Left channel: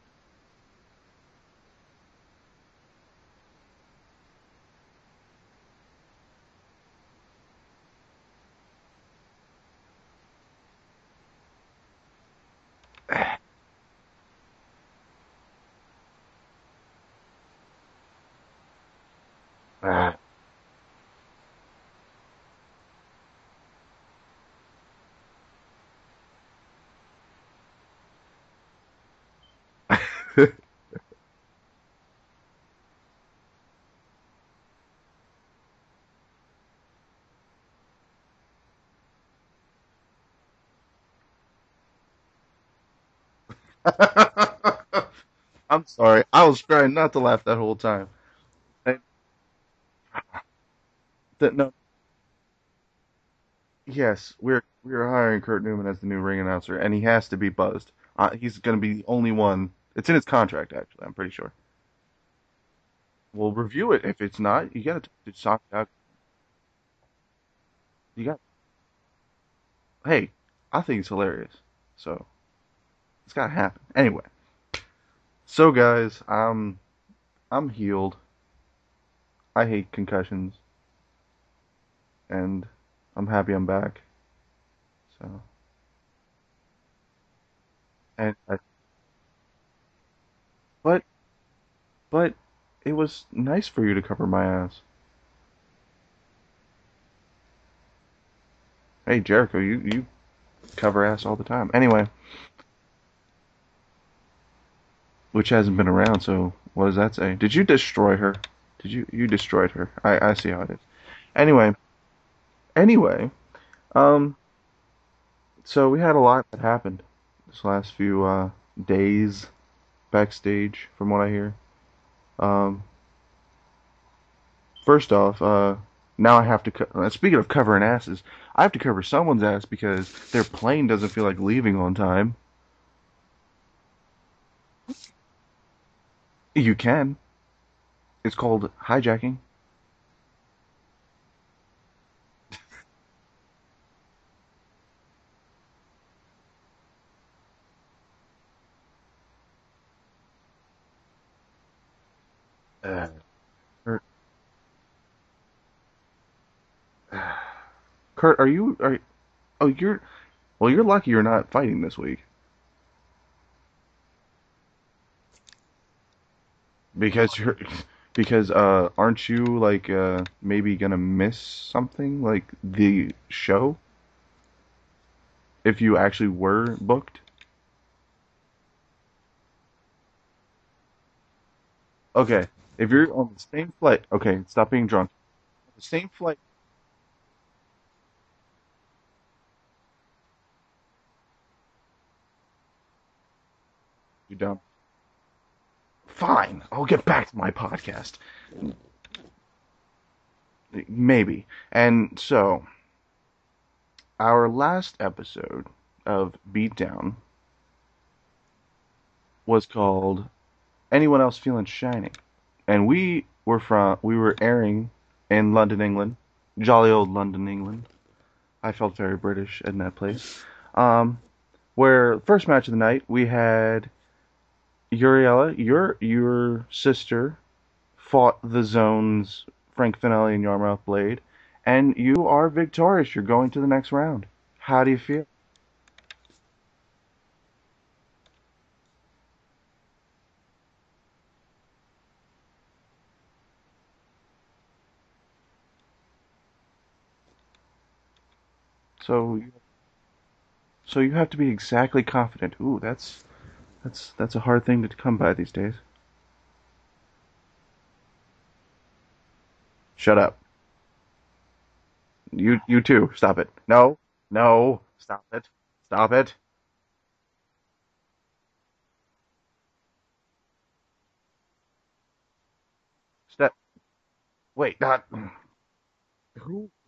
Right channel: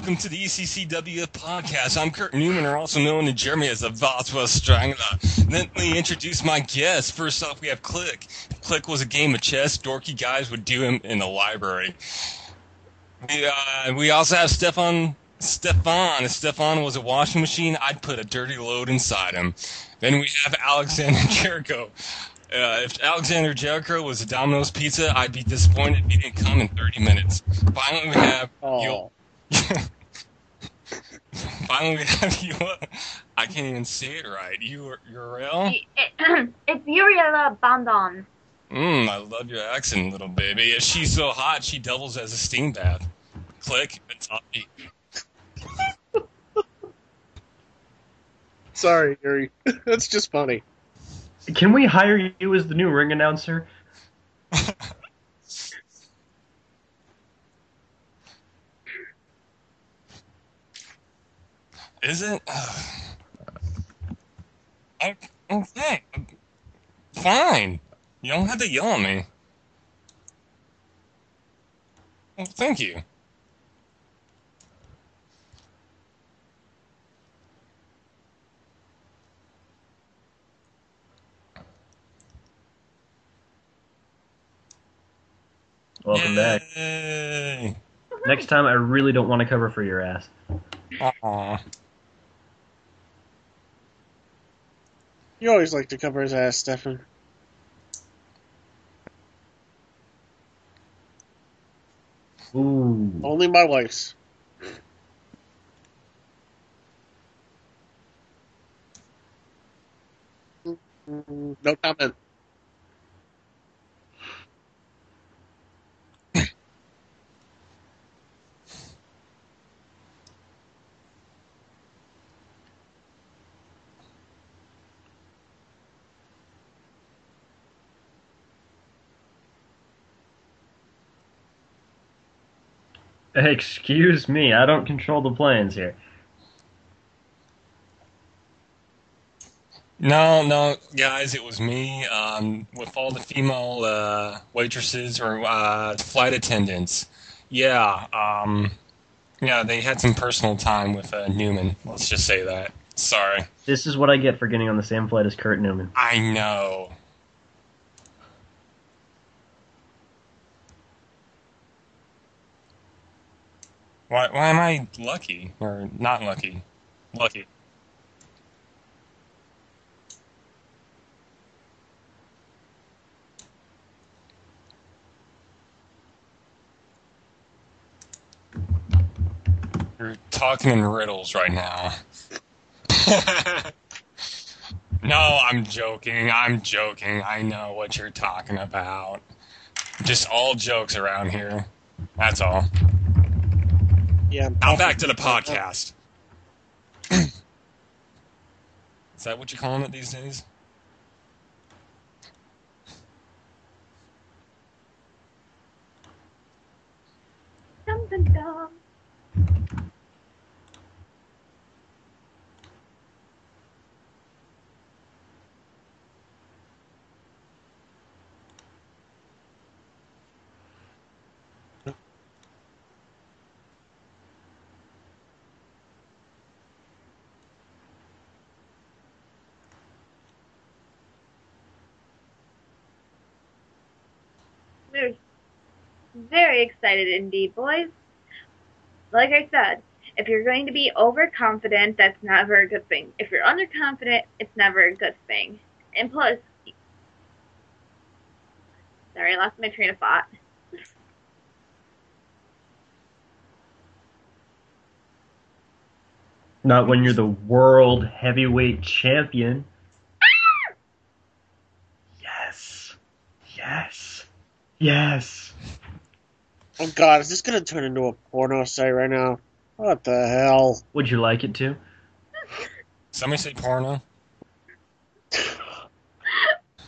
welcome to the ECCW podcast. I'm Kurt Newman, or also known in Germany as the Valswell Strangler. Let me introduce my guests. First off, we have Click. If Click was a game of chess, dorky guys would do him in the library. We also have Stefan. If Stefan was a washing machine, I'd put a dirty load inside him. Then we have Alexander Jericho. If Alexander Jericho was a Domino's pizza, I'd be disappointed if he didn't come in 30 minutes. Finally, we have I can't even say it right. Uriella? It's Uriella Abbadon. I love your accent, little baby. If she's so hot, she doubles as a steam bath. Click. I'm sorry. I was trying not to laugh that whole time. Sorry, Yuri. That's just funny. Can we hire you as the new ring announcer? Yes, we're hiring Kurt Newman as the new ring announcer, and he has to be buzzed. He's going to be the only one. It's in his contract, actually. I'm pretty sure. Is it? We'll review it. If it's not, you got to shock it out. Fine. You don't have to yell at me. Hey, I think it's hilarious. So. Well, thank you. It's got to happen. Anyway. So, guys, I'm healed. I hate concussions. And I'm happy I'm back. So. Welcome back. Next time, I really don't want to cover for your ass. But it was nice for you to cover my ass. You always like to cover his ass, Stefan. Hey, Jericho, you cover ass all the time. Anyway. Ooh. Only my wife's. Which hasn't been around, so what does that say? Did you destroy her? You destroyed her. I see how it is. Anyway. No comment. Anyway. So we had a lot that happened this last few days backstage, from what I hear. First off, now I have to... speaking of covering asses, I have to cover someone's ass because their plane doesn't feel like leaving on time. Excuse me, I don't control the planes here. You can. It's called hijacking. No, guys, it was me with all the female waitresses or flight attendants. Yeah, they had some personal time with Newman. Let's just say that. Sorry. This is what I get for getting on the same flight as Kurt Newman. I know. Kurt, you're lucky you're not fighting this week. Why am I lucky or not lucky? Because aren't you like maybe gonna miss something like the show if you actually were booked? You're talking in riddles right now. Okay, if you're on the same flight, okay, stop being drunk. No, I'm joking. I'm joking. I know what you're talking about. Just all jokes around here. That's all. Yeah. Now back to the podcast. Fine, I'll get back to my podcast. Is that what you're calling it these days? Maybe. And so, our last episode of Beatdown was called Anyone Else Feeling Shiny? And we were airing in London, England. Jolly old London, England. I felt very British in that place. Where, first match of the night, we had Uriella, your sister, fought the Zone's Frank Finelli and Yarmouth Blade, and you are victorious. You're going to the next round. How do you feel? Very excited indeed, boys. Like I said, if you're going to be overconfident, that's never a good thing. If you're underconfident, it's never a good thing. And plus, sorry, I lost my train of thought. So you have to be exactly confident. Ooh, that's a hard thing to come by these days. Not when you're the world heavyweight champion. Shut up. Yes. You too. Stop it. Yes. No. Yes. Stop it. Oh God, is this gonna turn into a porno site right now? What the hell? Would you like it to? Somebody say porno? Wait, not...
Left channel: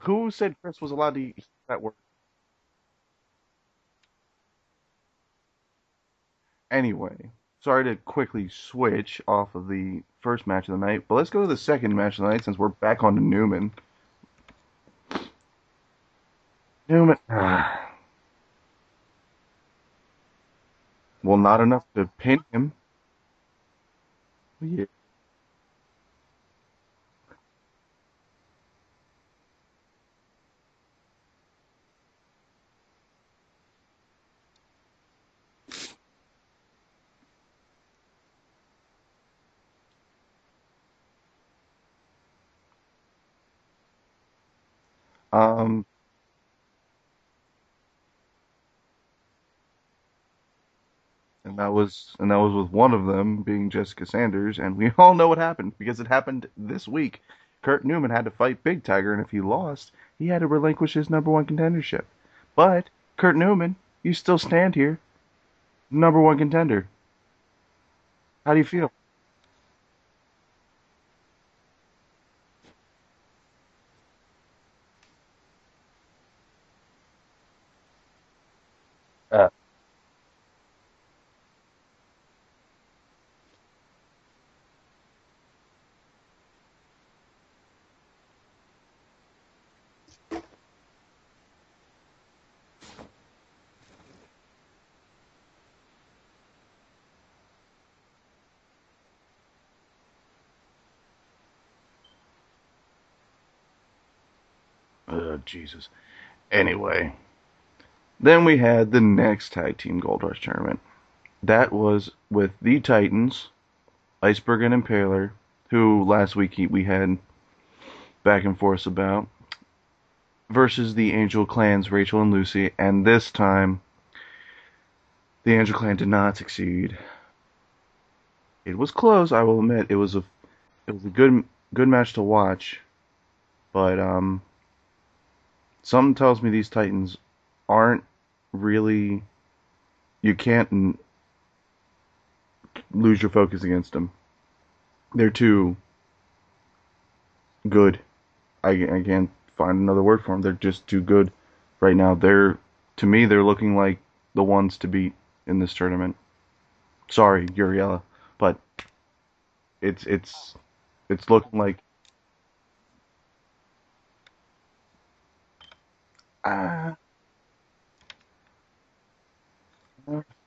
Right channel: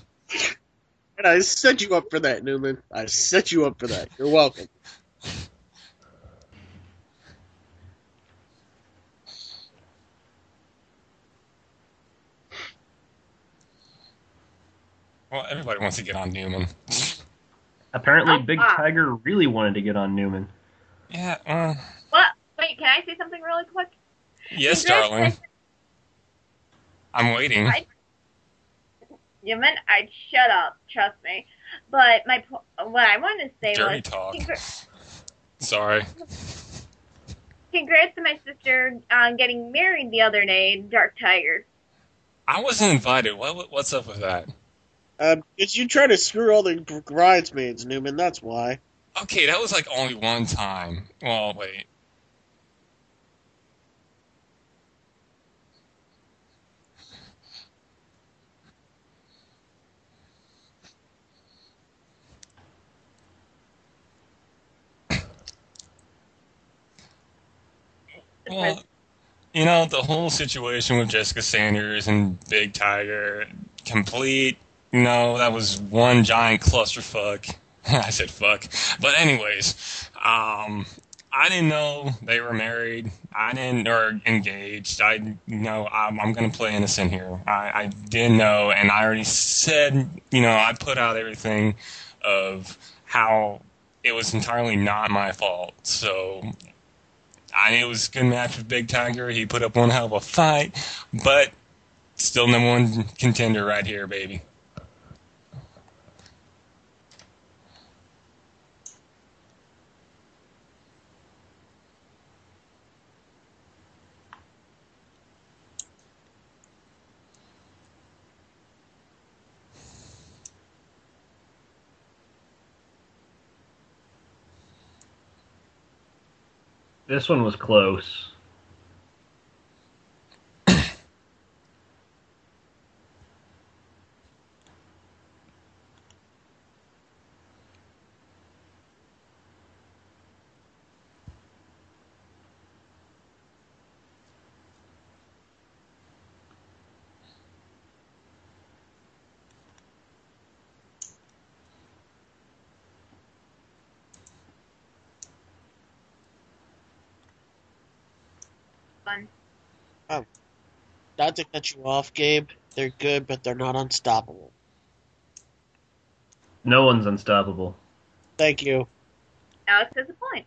Who said Chris was allowed to... And I set you up for that, Newman. I set you up for that. You're welcome. Anyway, sorry to quickly switch off of the first match of the night, but let's go to the second match of the night since we're back on to Newman. Well, everybody wants to get on Newman. Newman. Apparently, Big Tiger really wanted to get on Newman. Yeah, Well, not enough to What? pin him. Wait, can I say something really quick? Yes, darling. I'm waiting. Newman, I'd shut up. Trust me. But what I wanted to say Dirty was, talk. Sorry. congrats to my sister on getting married the other day, Dark Tiger. I wasn't invited. What's up with that? But you try to screw all the bridesmaids, Newman. That's why. Okay, that was like only one time. Well, And that was with one of them being Jessica Sanders, and we all know what happened because it happened this week. Kurt Newman had to fight Big Tiger, and if he lost, he had to relinquish his #1 contendership. But Kurt Newman, you still stand here, #1 contender. How do you feel? you know, the whole situation with Jessica Sanders and Big Tiger, complete, that was one giant clusterfuck. I said fuck. But anyways, I didn't know they were married. Or engaged. I'm going to play innocent here. I didn't know, and I already said, I put out everything of how it was entirely not my fault. So I knew it was a good match with Big Tiger. He put up one hell of a fight, but still #1 contender right here, baby. Oh, Jesus. Anyway, then we had the next Tag Team Gold Rush tournament. That was with the Titans, Iceberg and Impaler, who last week we had back and forth about, versus the Angel Clans, Rachel and Lucy, and this time, the Angel Clan did not succeed. This one was close. It was close, I will admit. It was a good match to watch, but something tells me these Titans aren't really. You can't lose your focus against them. They're too good. I can't find another word for them. They're just too good right now. To me, they're looking like the ones to beat in this tournament. Sorry, Uriella, but it's Not looking to cut like you off, Gabe. They're good, but they're not unstoppable. No one's unstoppable. Thank you. Alex has a point.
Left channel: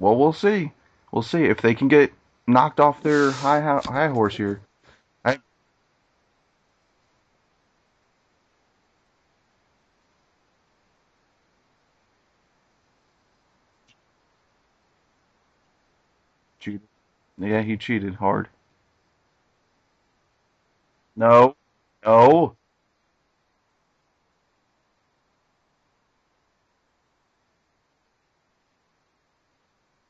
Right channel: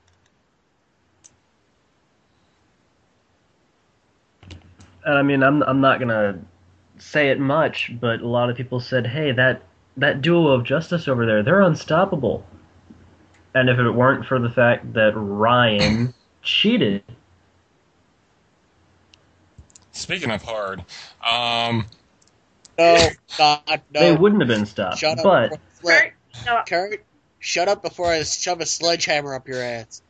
Well, we'll see. We'll see if they can get knocked off their high horse here. And I mean, I'm not gonna say it much, but a lot of people said, "Hey, that duo of Justice over there, they're unstoppable." And if it weren't for the fact that Ryan cheated, Yeah, he cheated hard. Speaking of hard, No. No, God, no. they wouldn't have been stopped. Shut up. But Kurt, shut up before I shove a sledgehammer up your ass.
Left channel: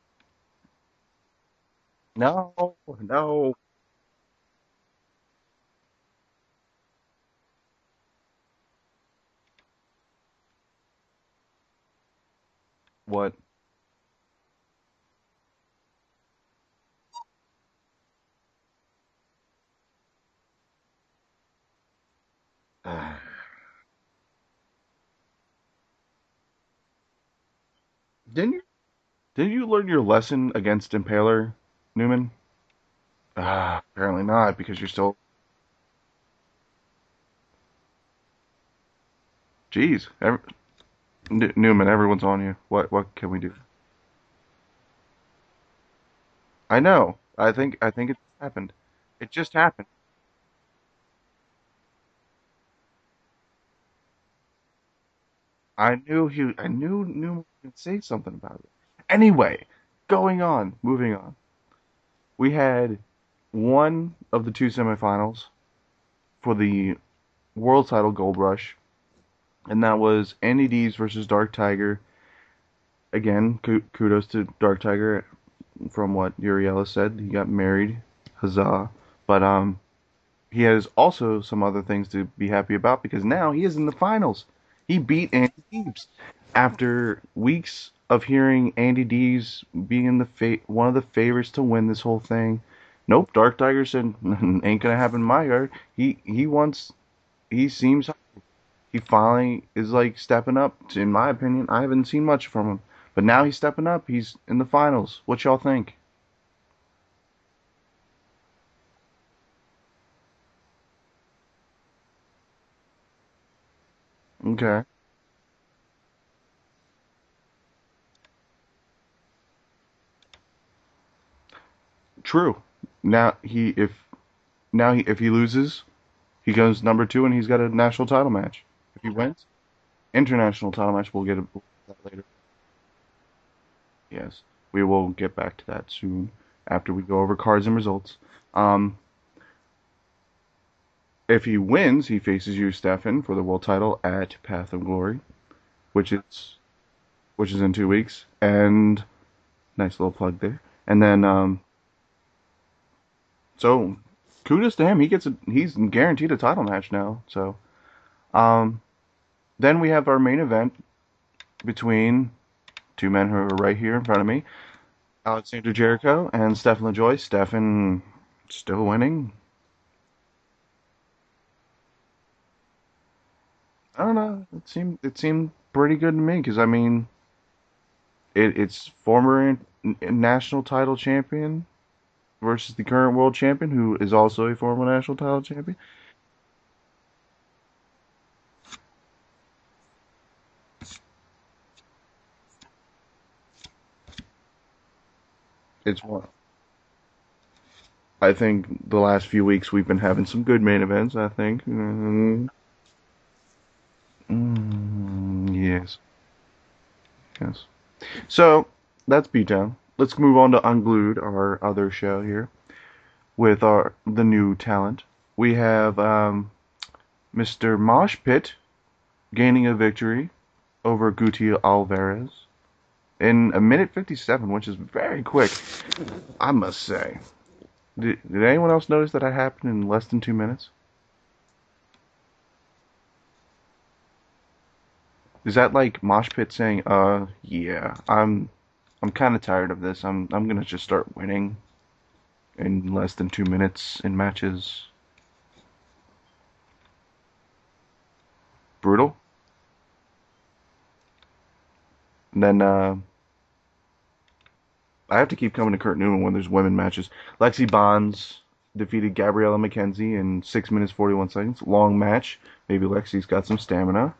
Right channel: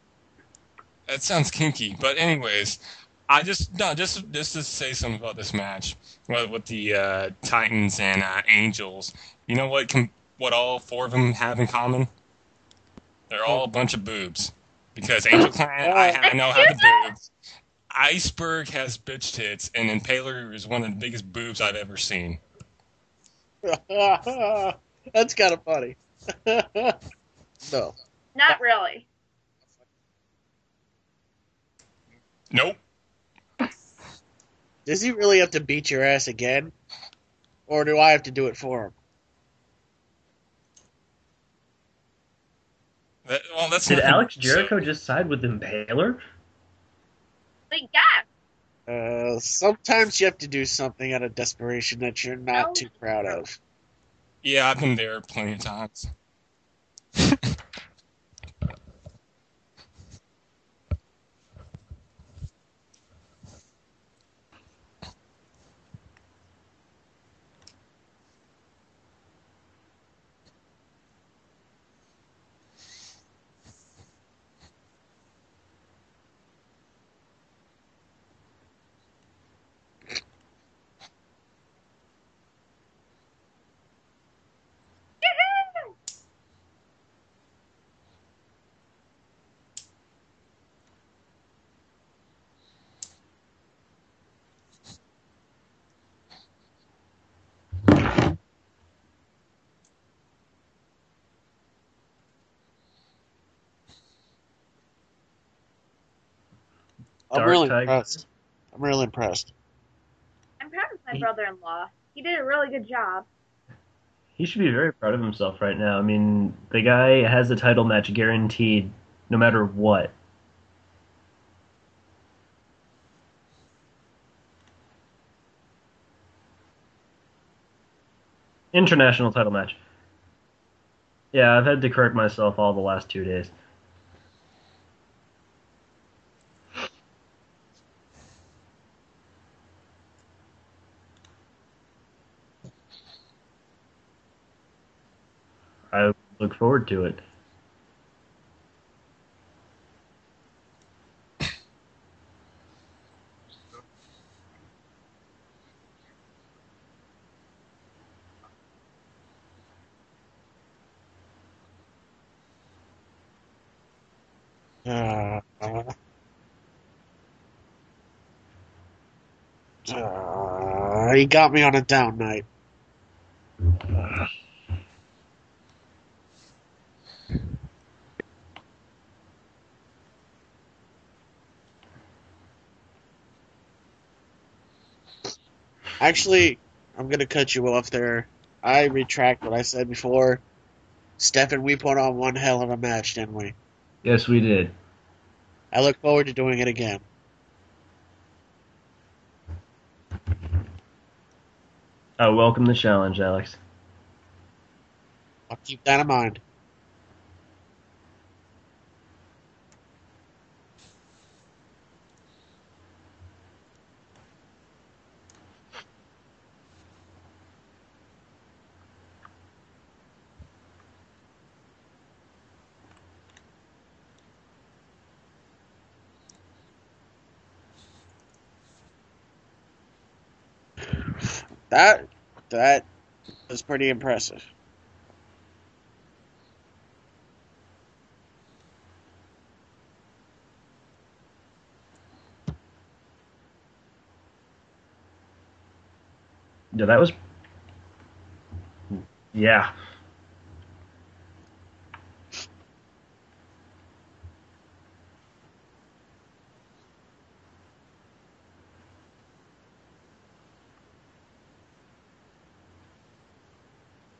that sounds kinky. But No, anyways, no. just to say something about this match with the Titans and Angels. You know what all 4 of them have in common? What? They're all a bunch of boobs. Because Angel Clan, I know how to boobs. Iceberg has bitch tits, and Impaler is one of the biggest boobs I've ever seen. That's kind of funny. No. Not really. Did you learn your lesson against Impaler, Newman? Nope. Apparently not, because you're Does still. he really have to beat your ass again? Or do I have to do it for him? Jeez, Newman, everyone's on you. What can we do? did Alex Jericho just side with Impaler? I know. I think it happened. just happened. Sometimes you have to do something out of desperation that you're not too proud of. Yeah, I've been there plenty of times. I knew Newman would say something about that. Anyway, moving on. We had one of the 2 semifinals for the World Title Gold Rush, and that was Andy Dees versus Dark Tiger. Again, kudos to Dark Tiger. From what Uriella said, he got married, huzzah! But he has also some other things to be happy about because now he is in the finals. He beat Andy Dees after weeks of hearing Andy Dees being one of the favorites to win this whole thing. Nope, Dark Tiger said ain't gonna happen in my yard. He finally is like stepping up. In my opinion, I haven't seen much from him. But now he's stepping up. He's in the finals. What y'all think? I'm really impressed. I'm proud of my brother-in-law. He did a really good job. He should be very proud of himself right now. I mean, the guy has the title match guaranteed no matter what. True. Now if he loses, he goes number 2 and he's got a national title match. International title match. International title match. We'll get Yeah, it. I've had to correct myself all the last 2 days. Yes, we will get back to that soon after we go over cards and results. Um, if he wins, he faces you, Stefan, for the world title at Path of Glory, which I is look forward to it. which is in 2 weeks. And nice little plug there. And then so kudos to him. He's guaranteed a title match now. So then we have our main event between two men who are right here in front of me. Alexander Jericho and Stefan LaJoie. Stefan still winning. He got me on a down night. I don't know. It seemed pretty good to me because I mean, it's former national title champion versus the current world champion, who is also a former national title champion. Actually, I'm gonna cut you off there. I retract what I said before. Stefan, we put on one hell of a match, didn't we? Yes, we did. I look forward to doing it again. I think the last few weeks we've been having some good main events. I think. I welcome the challenge, Alex. Yeah. Keep that in mind. Yes. So that's beatdown. Let's move on to Unglued, our other show here, with the new talent. We have Mr. Mosh Pit gaining a victory over Guti Alvarez in a minute 57, which is very quick, I must say. Did anyone else notice that happened in less than 2 minutes? That was pretty impressive. Is that like Mosh Pit saying, yeah, I'm kind of tired of this. I'm gonna just start winning in less than 2 minutes in matches. Yeah, that was Brutal. yeah. And then I have to keep coming to Kurt Newman when there's women matches. Lexi Bonds defeated Gabriella McKenzie in 6 minutes 41 seconds. Long match. Maybe Lexi's got some stamina.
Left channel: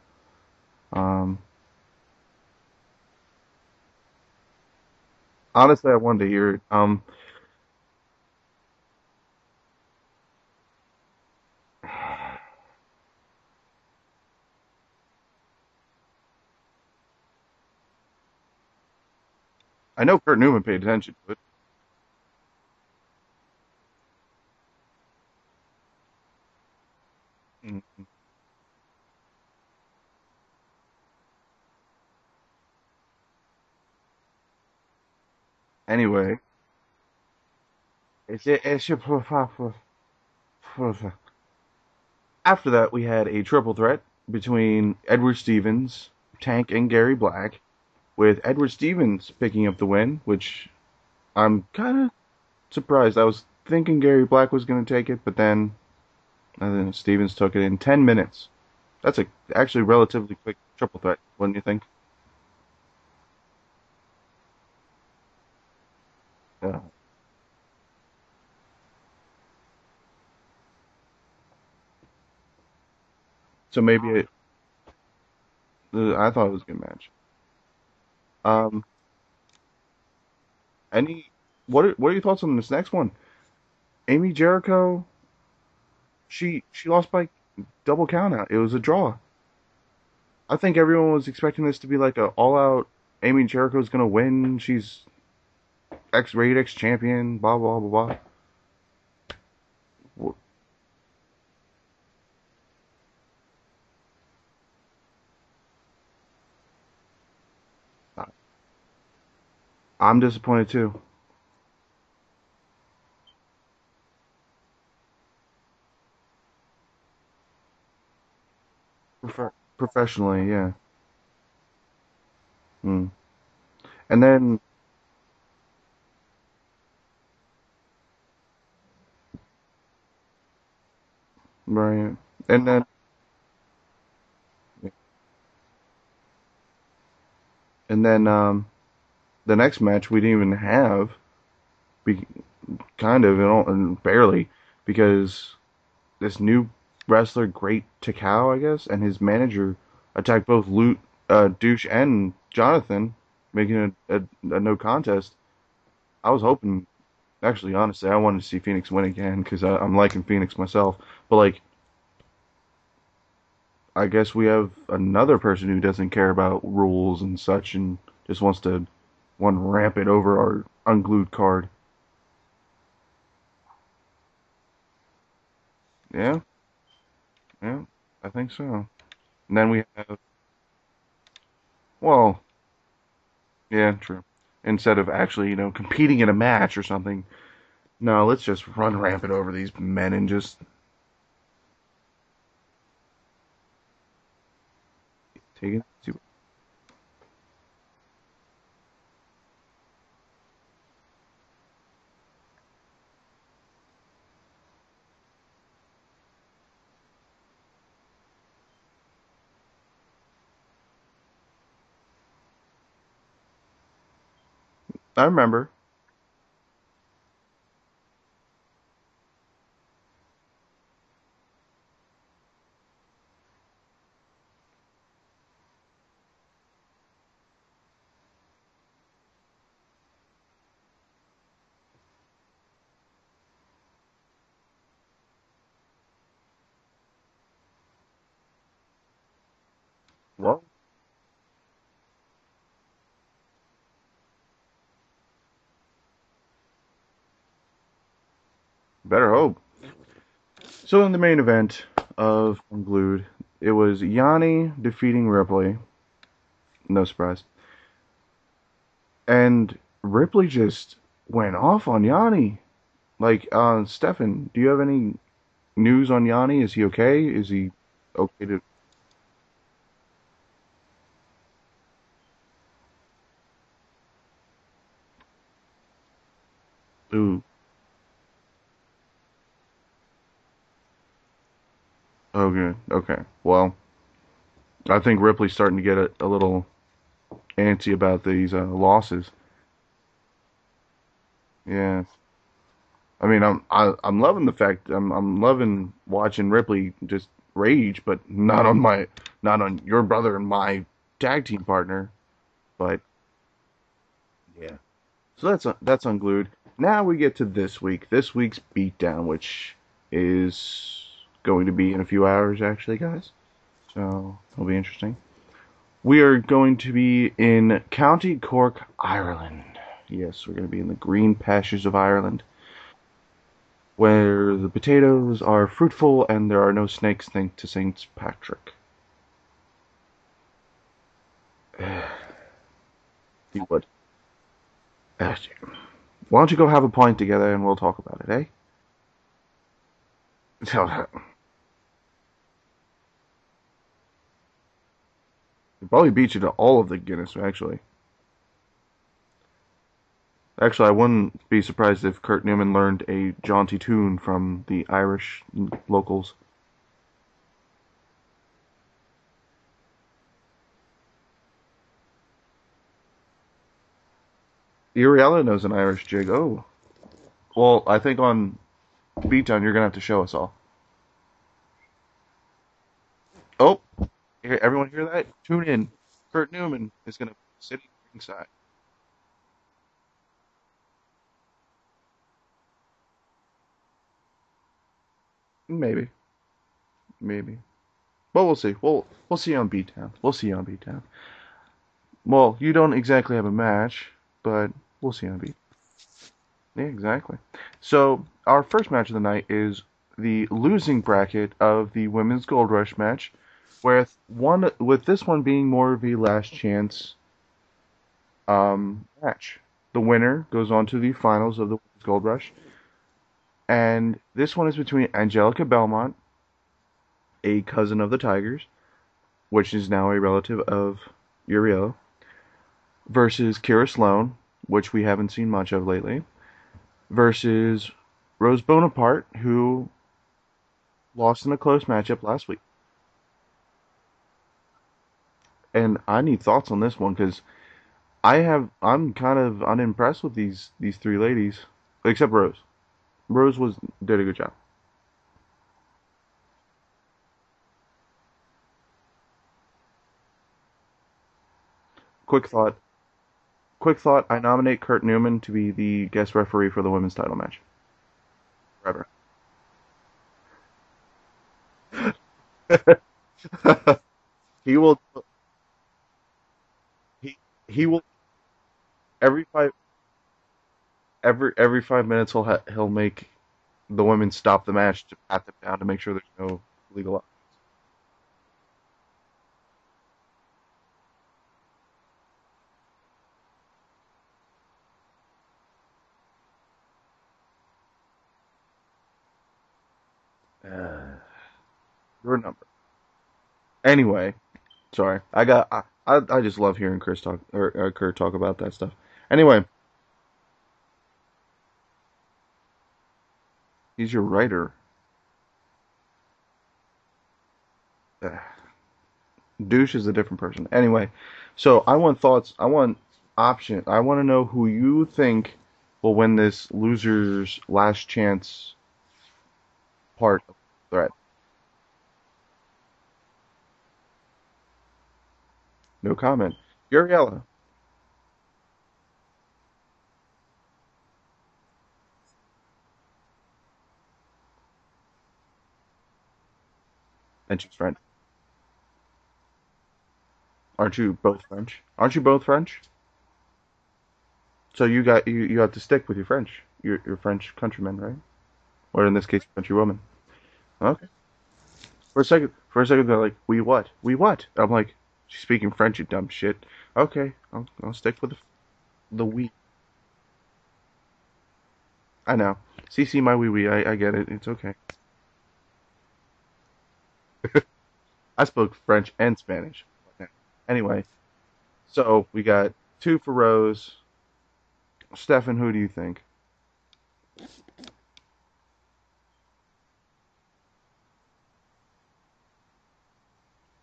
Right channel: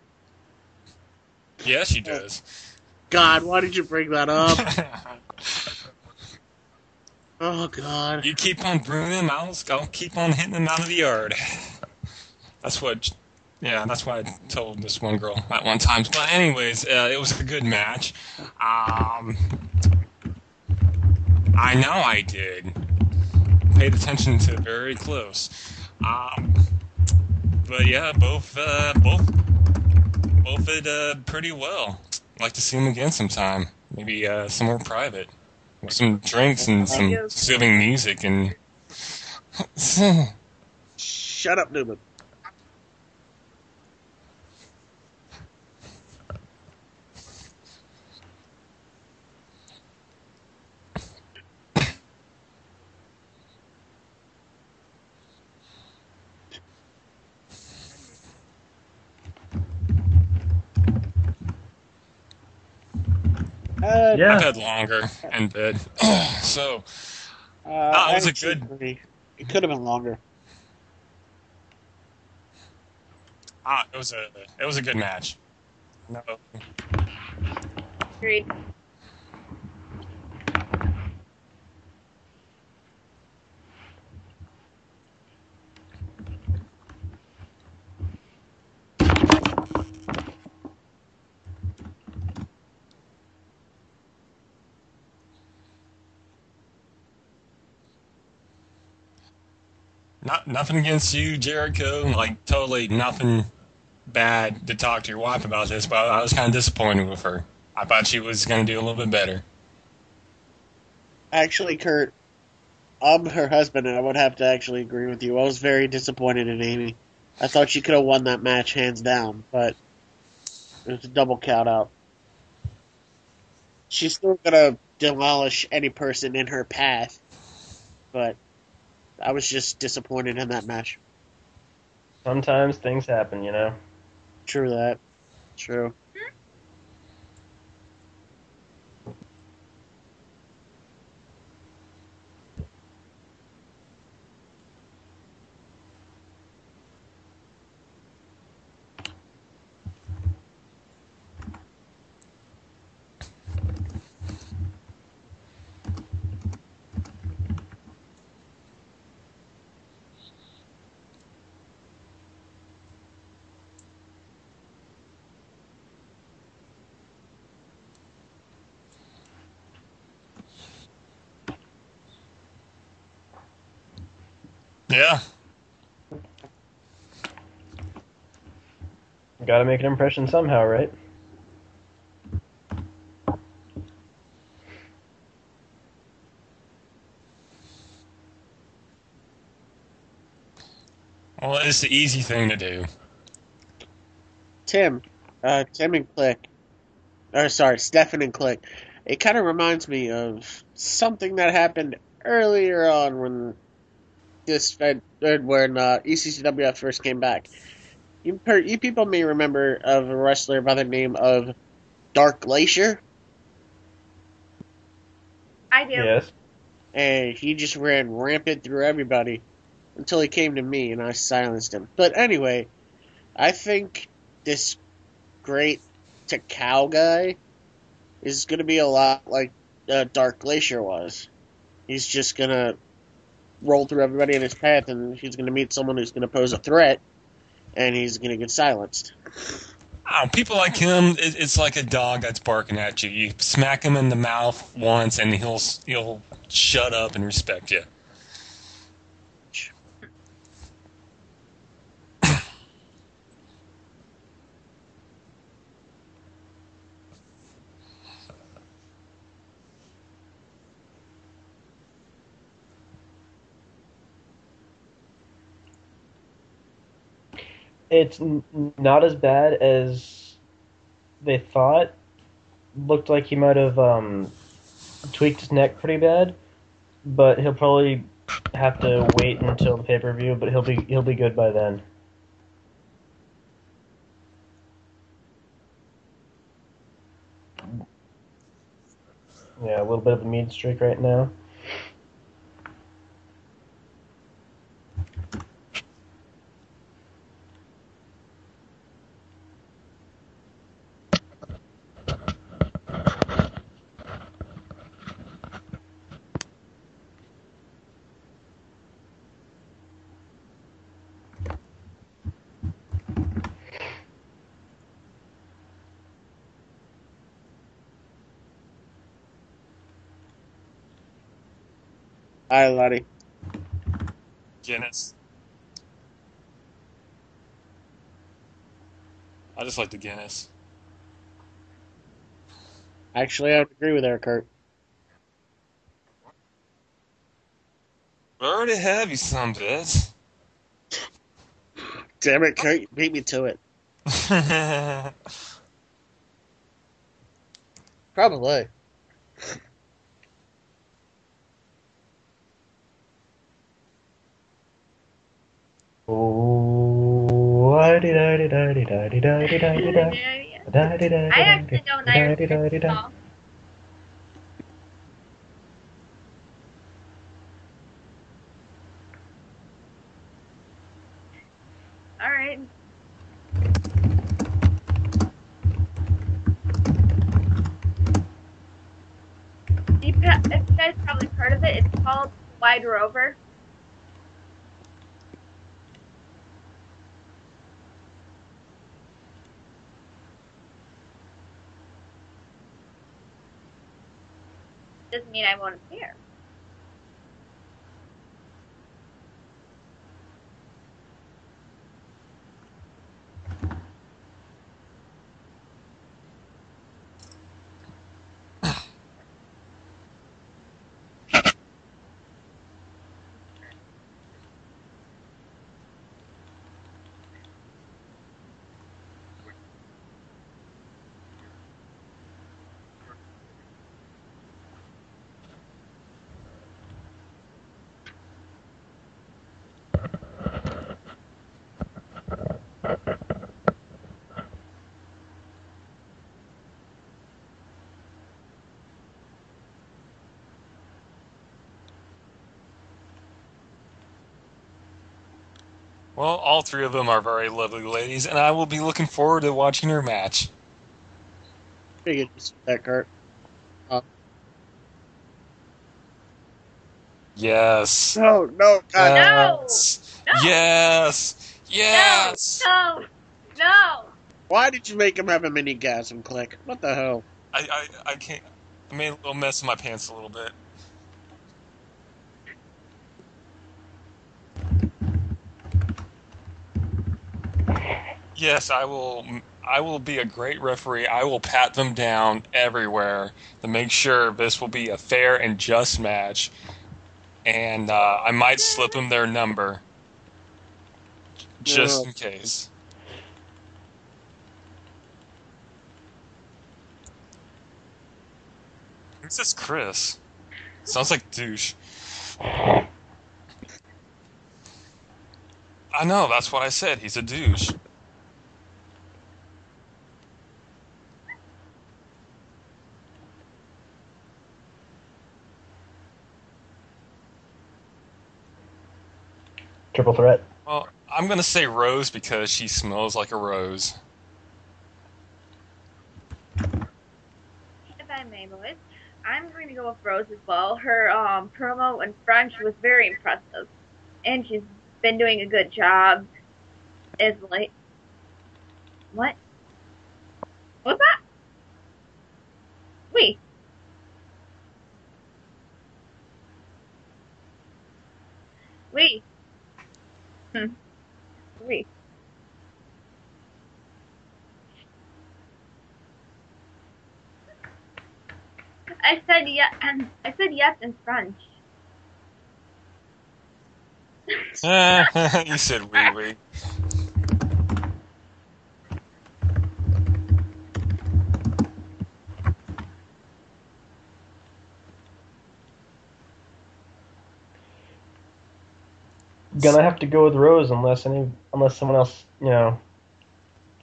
Yeah, she does. God, why did you bring that up? Honestly, I wanted to hear it. Oh, God. You keep on bringing them out, I'll keep on hitting them out of the yard. That's what I told this one girl at one time. But anyways, it was a good match. I know Kurt Newman paid attention, but I know I did. Paid attention to very close. But yeah, both did pretty well. I'd like to see them again sometime. Maybe somewhere private. With Anyway. some drinks and some soothing music and. Shut up, Newman. After that, we had a triple threat between Edward Stevens, Tank, and Gary Black, with Edward Stevens picking up the win, which I'm kind of surprised. I was thinking Gary Black was going to take it, but then Stevens took it in 10 minutes. That's actually relatively quick triple threat, wouldn't you think? Yeah. I've had longer in bed. So, it was a good. It could have been longer. So maybe it was a good match. I thought it was a good match. Agreed. What are your thoughts on this next one? Amy Jericho, she lost by double count out. It was a draw. I think everyone was expecting this to be like a all-out Amy Jericho's gonna win. She's X-rated X champion. Blah blah blah blah. Nothing against you, Jericho. Like totally nothing bad to talk to your wife about this, but I was kind of disappointed with her. I thought she was going to do a little bit better. I'm disappointed too. Actually, Kurt, I'm her husband, and I would have to actually agree with you. I was very disappointed in Amy. I thought she could have won that match hands down, but Professionally, yeah. it was a double count out. Mm. She's And still then- gonna demolish any person in her path, but I was just disappointed in that match. Right. Sometimes then- things happen, you know. True that. True. And then the next match we didn't even have, barely, because this new wrestler, Great Takao, I guess, and his manager attacked both Douche and Jonathan making a no contest. I was hoping, actually, honestly, I wanted to see Phoenix win again because I'm liking Phoenix myself. But like, I guess we have another person who doesn't care about rules and such, and just wants to ramp it over our unglued card. Yeah. Yeah, yeah, I think so. And Gotta then make we an have, impression somehow, right? well, yeah, true. Instead of actually, competing in a match or something, no, let's just run rampant over these men and just Well, it's the easy thing to do. Tim, take it Tim and to. Click, or sorry, Stefan and Click. It kind of reminds me of something that happened earlier on when when ECCWF first came back. You people may remember of a wrestler by the name of Dark Glacier, I remember. I do. Yes. and he just ran rampant through everybody until he came to me and I silenced him. But anyway, I think this great Takao guy is going to be a lot like Dark Glacier was. He's just going to roll through everybody in his path, and he's going to meet someone who's going to pose a threat, and he's going to get silenced. People Well, like him, it's like a dog that's barking at you. You smack him in the mouth once, and he'll shut up and respect you. better hope. So in the main event of Unglued, it was Yanni defeating Ripley. No surprise. And Ripley just went off on Yanni. Like, Stefan, do you have any news on Yanni? Is he okay? Is he It's okay to? not as bad as they thought. Looked like he might have tweaked his neck pretty bad, but Ooh, he'll probably have to wait until the pay-per-view. But he'll be good by then. oh, good. Okay. Well, I think Ripley's starting to get a little antsy about these losses. Yeah, a little bit of a mean streak right now. Yeah. I mean, I'm loving the fact I'm loving watching Ripley just rage, but not on your brother and my tag team partner. But yeah, so that's unglued. Now we get to this week. This week's beatdown, which is going to be in a few hours, actually, guys. So it'll be interesting. We are going to be in County Cork, Ireland. Yes, we're going to be in the green pastures of Ireland, Hi, laddie. where the Guinness. potatoes are fruitful and there are no snakes, thanks to Saint Patrick. I just like the Guinness. Actually, I But agree with her, Kurt. why don't you go have a pint together and we'll talk about it, I already have you some bits. eh? Damn it, Kurt, you beat me to it. Probably beat you to all of the Guinness, actually. Probably. Actually, I wouldn't be surprised if Kurt Newman learned a jaunty tune from the Irish locals. Oh, I actually know an Irish song. Uriella knows an Irish jig. Oh. Well, I think on Beatdown you're going to have to show us all. Alright. Oh, okay, everyone hear that? Tune in. Kurt Newman is going to be sitting inside. You guys probably heard of it. It's called Wide Rover. Maybe. But we'll see. We'll see on Beatdown. We'll see on Beatdown. Well, you don't exactly have a match, but we'll see Doesn't on mean Beatdown. I won't appear. Yeah, exactly. So, our first match of the night is the losing bracket of the Women's Gold Rush match, with this one being more of a last chance match. The winner goes on to the finals of the Gold Rush, and this one is between Angelica Belmont, a cousin of the Tigers, which is now a relative of Uriella, versus Kira Sloan, which we haven't seen much of lately, versus Rose Bonaparte, who lost in a close matchup last week. And I need thoughts on this one because I'm kind of unimpressed with these three ladies, except Rose. Rose did a good job. Well, all three of them are very lovely ladies, and I will be looking forward to watching her match. Pretty good Quick thought. that, Kurt. quick thought. I nominate Kurt Newman to be the guest referee for the women's title match. Yes. No, God. Yes. No. Yes. No, Yes. no. Why He did will- you make him have a mini gasm, Click? What the hell? He will I can't. I mean, I'm every messing my fight- pants a little bit. every 5 minutes he'll make the women stop the match to pat them down to make sure there's no legal. Yes, I will. I will be a great referee. I will pat them down everywhere to make sure this will be a fair and just match. And I might slip them their number just in Or case. Anyway, sorry. I just love hearing Chris talk or Kurt talk about that stuff. Who's Anyway, this Chris sounds like douche. he's your writer. I know. That's what I said. He's a douche. Douche is a different person. Anyway, so I want thoughts. I want option. I want to know who you think will win this loser's last chance. Triple threat. Well, Right. I'm gonna say Rose because she smells like a rose. No comment. Uriella. If I may, boys, I'm going to go with Rose as well. Her promo in French was very impressive, and she's been doing a good job. Is And like she's French. what? Aren't What's you that? both French? Aren't you both French? Wait, So you have to stick with your French. Your French countrymen, right? Or in Wait. this case, countrywoman. Hmm. Okay. wait. For a second, they're like, "We what? We what?" I'm like, "She's speaking French, you dumb shit." Okay, I'll stick with it. I The said we- yes. I said yes in French. I know. CC my wee wee. I get it. It's okay. You said wee wee. I spoke French and Spanish. Anyway, so we got 2 for Rose. Stefan, who do you think? Gonna have to go with Rose unless someone else,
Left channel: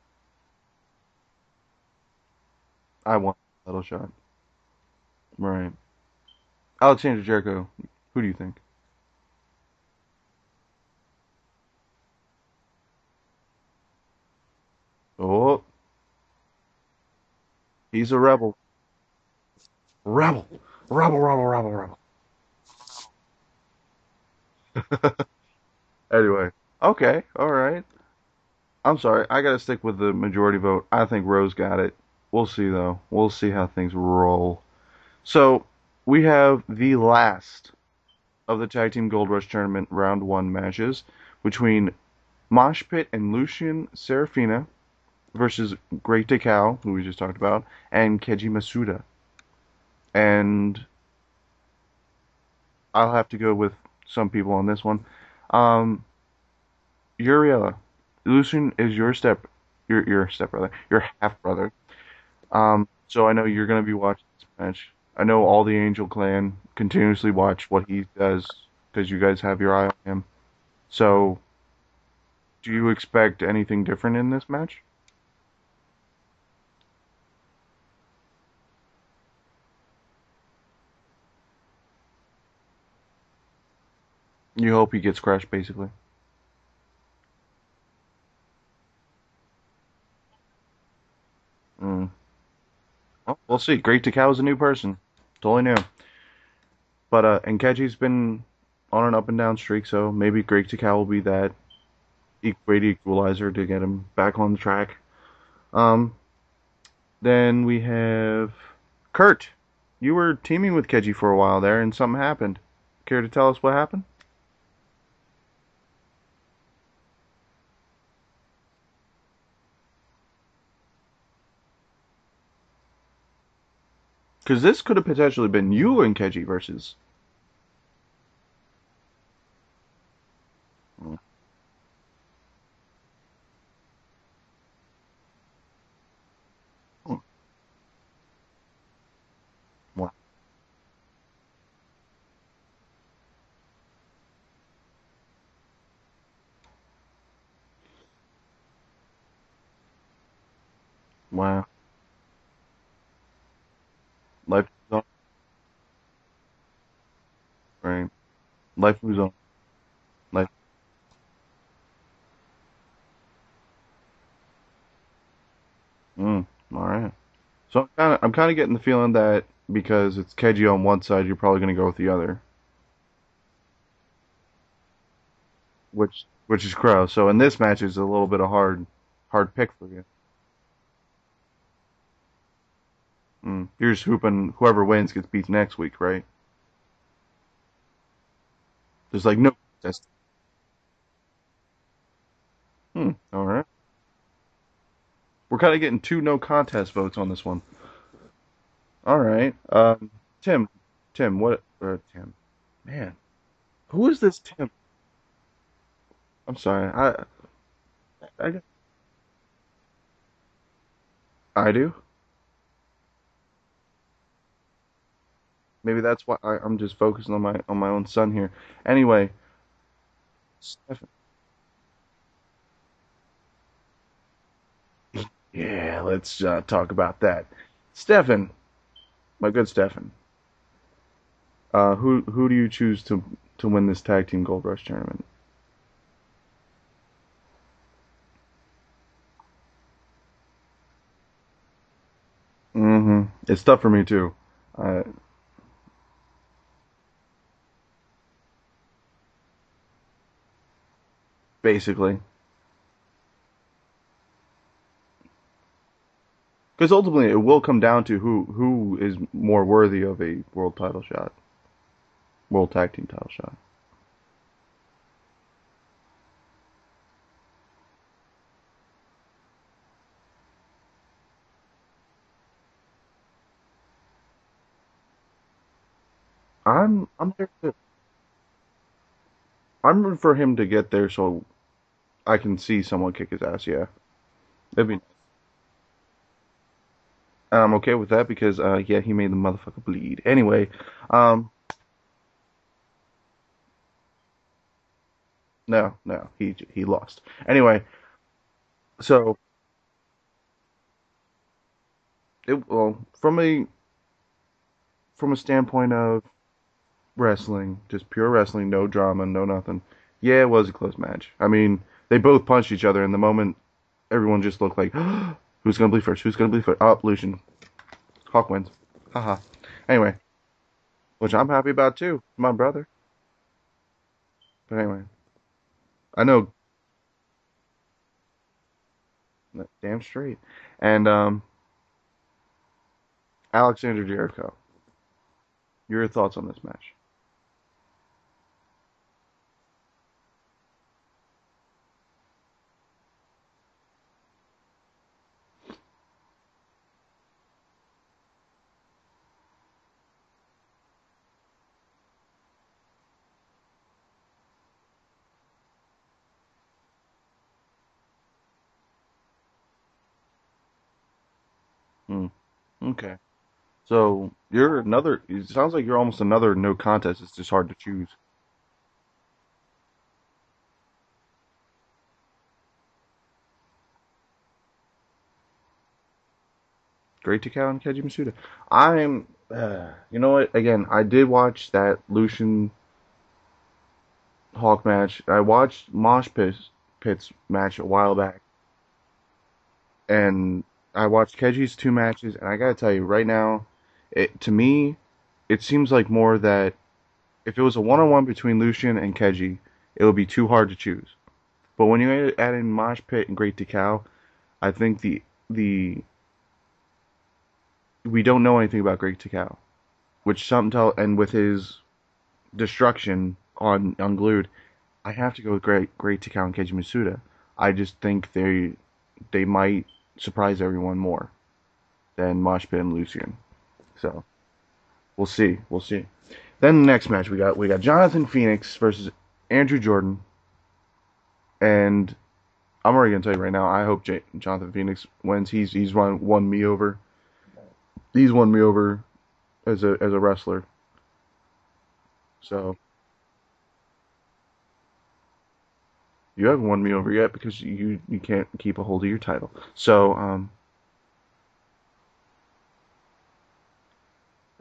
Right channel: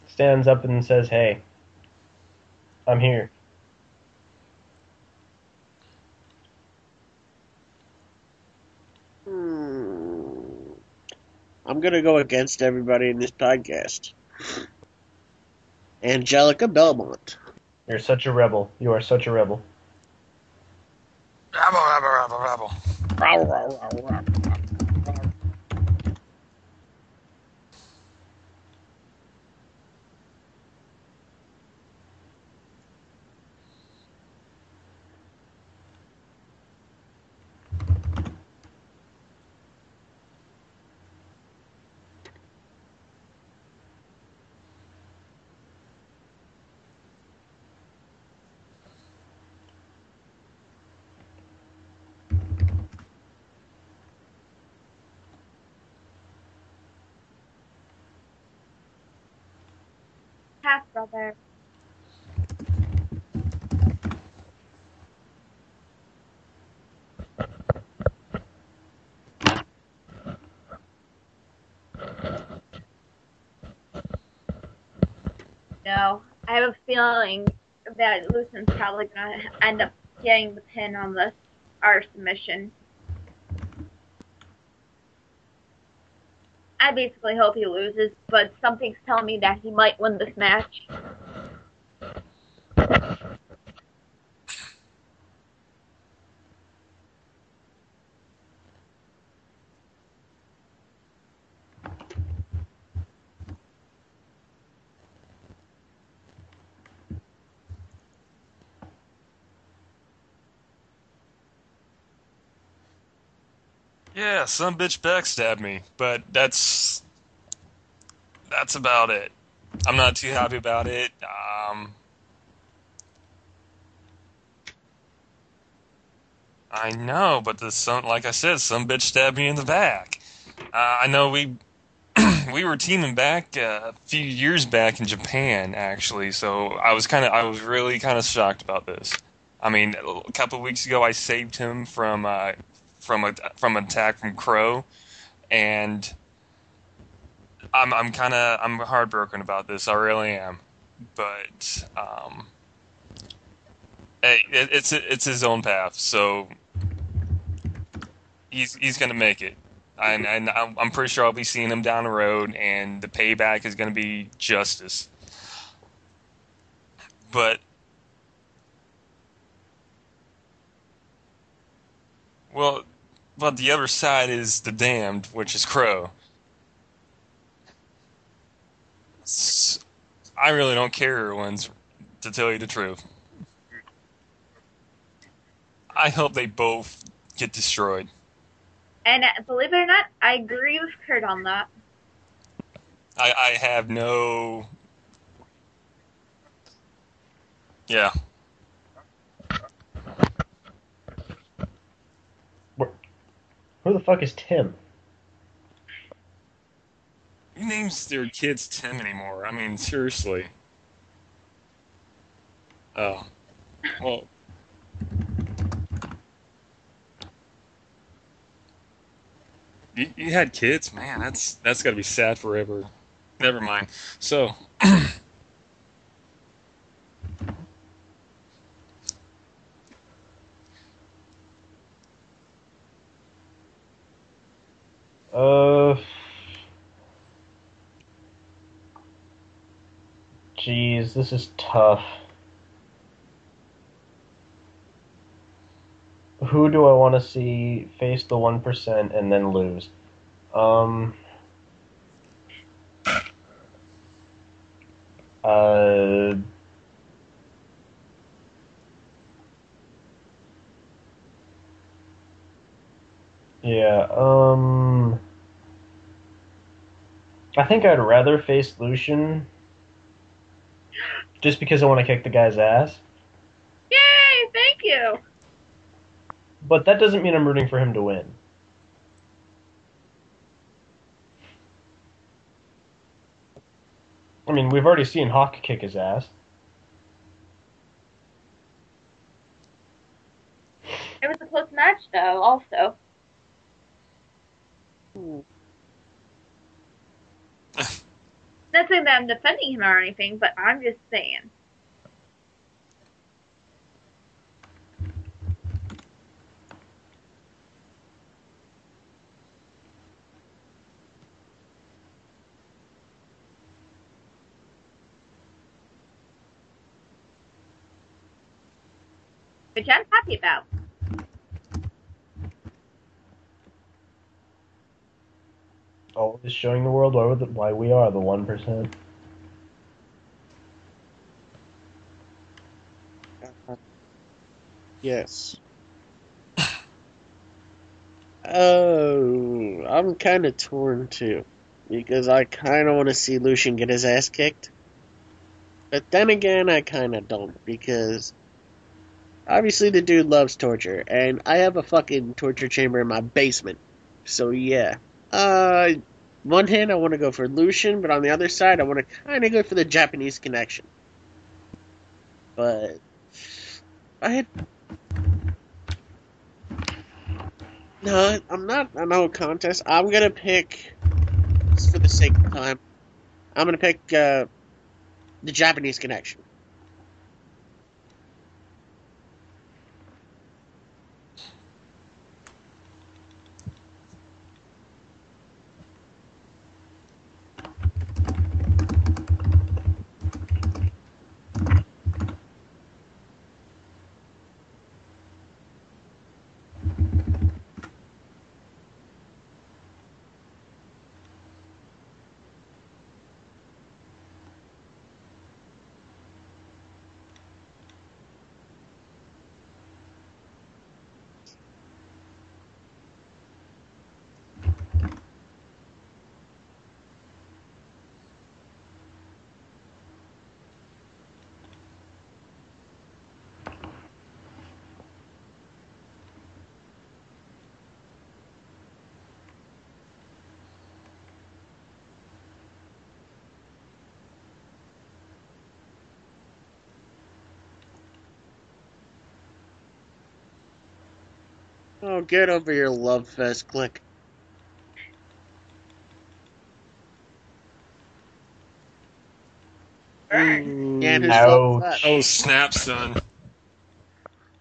stands up and says, "Hey, I'm here." I want a little shot. Right. Alexander Jericho, who do you think? I'm gonna go against everybody in this podcast. Oh, Angelica Belmont. You're He's such a a rebel. rebel. You are such a rebel. rebel. Rebel. Rabble, rabble, rabble. Anyway, okay, all right. I'm sorry, I gotta stick with the majority vote. I think Rose got it. We'll see though. We'll see how things roll. So we have the last of the Tag Team Gold Rush Tournament Round 1 matches between Mosh Pit and Lucian Serafina versus Great Decau, who we just talked about, and Keiji Masuda. And I'll have to go with some people on this one. Uriella, Lucian is your stepbrother, your half brother. So I know you're gonna be watching this match. I know all the Angel Clan continuously watch what he does because you guys have your eye on him. So, do you expect anything different in this match? No, I have a feeling that Lucian's probably gonna end up getting the pin on this our submission. You hope he gets crushed, basically. I basically hope he loses, but something's telling me that he might win this match. Well, we'll see. Great Decau is a new person. Totally new. But and Keji's been on an up and down streak, so maybe Great Decau will be that great equalizer to get him back on the track. Then we have Kurt. You were teaming with Keji for a while there, and something happened. Care to tell us what happened? Yeah, some bitch backstabbed me, but that's about it. I'm not too happy about it. Because this could have potentially been you and Keji versus. I know, but like I said, some bitch stabbed me in the back. I know we were teaming back a few years back in Japan, actually. So I was really kind of shocked about this. I mean, a couple of weeks ago, I saved him from attack from Crow, and I'm heartbroken about this. I really am. But Wow. hey, it's his own path, so Right. he's Life gonna goes on. make it. And I'm pretty sure I'll be seeing him down the road, and the payback is gonna be justice. All right. But So I'm kind of getting the feeling that because it's Keiji on one side, you're probably going to go with the other, Well, but the other side is the Damned, which is Crow. which is Crow. So in this match, is a little bit of hard pick for you. I really don't care who wins, to tell you the truth. You're just hooping whoever wins gets beat next week, right? I hope they both get destroyed. And There's believe it or not, I agree with Kurt on that. I have no... We're kind of getting 2 no contest votes on this one. Yeah. All right. Tim, what? Tim. Man. Who the fuck is Tim? I'm sorry. Who names their kids Tim anymore? I mean, seriously. I do. Oh. Well, maybe that's why I'm just focusing on my own son here. Anyway. You had kids? Man, that's got to be sad forever. Never mind. So. Yeah, let's talk about that. Stefan. My good Stefan. Who do you choose to win this tag team Gold Rush tournament? Jeez, this is tough. It's tough for me too. Who do I want to see face the 1% and then lose? Basically. Because ultimately it will come down to who is more worthy of a world title shot. World tag team title shot. Yeah, I think I'd rather face Lucian just because I want to kick the guy's ass. Yay! Thank you! But that doesn't mean I'm rooting for him to win. I'm rooting for him to get there so I can see someone kick his ass, yeah. I mean, we've already seen Hawk kick his ass. And I'm okay with that because, yeah, he made the motherfucker bleed. Anyway. It was a close match, though, also. No, he lost. Anyway. Not saying that I'm defending him or anything, but I'm just saying. From a standpoint of wrestling, just pure wrestling, no drama, no nothing. Yeah, it was a close match. I mean, they both punched each other, and the moment everyone just looked like, who's gonna bleed first? Who's gonna bleed first? Oh, Lucian. Hawk wins. Haha. Which anyway, I'm happy about. Which I'm happy about too. My brother. But anyway. I know. Just showing the world why we are the 1%. Damn straight. And Alexander Jericho. Yes. Your thoughts on this match? Oh, I'm kind of torn too, because I kind of want to see Lucian get his ass kicked. But then again, I kind of don't, because obviously the dude loves torture, and I have a fucking torture chamber in my basement. So yeah. One hand I want to go for Lucian, but on the other side I want to kind of go for the Japanese connection. But okay. So you're another. It sounds like you're almost another no contest. It's just hard to choose. No, I'm not a no contest. I'm gonna pick, just for the sake of time, I'm gonna pick the Japanese connection. Great Takao and Keiji Masuda. I'm. You know what? Again, I did watch that Lucian Hawk match. I watched Mosh Pit's match a while back, and I watched Keiji's 2 matches. And I gotta tell you, right now, to me, it seems like more that if it was a one-on-one between Lucian and Keiji, it would be too hard to choose. But when you add in Mosh Pit and Great Takao, I think we don't know anything about Great Takao, which and with his destruction on Unglued, I have to go with Great Takao and Keiji Masuda. I just think they might surprise everyone more than Mosh Pit and Lucian. So we'll see. Then the next match we got Jonathan Phoenix versus Andrew Jordan, and I'm already gonna tell you right now, I hope Jonathan Phoenix wins. He's won me over. He's won me over as a wrestler. Oh, get over your love fest, click. You haven't won me over yet because you can't keep a hold of your title. So oh snap, son.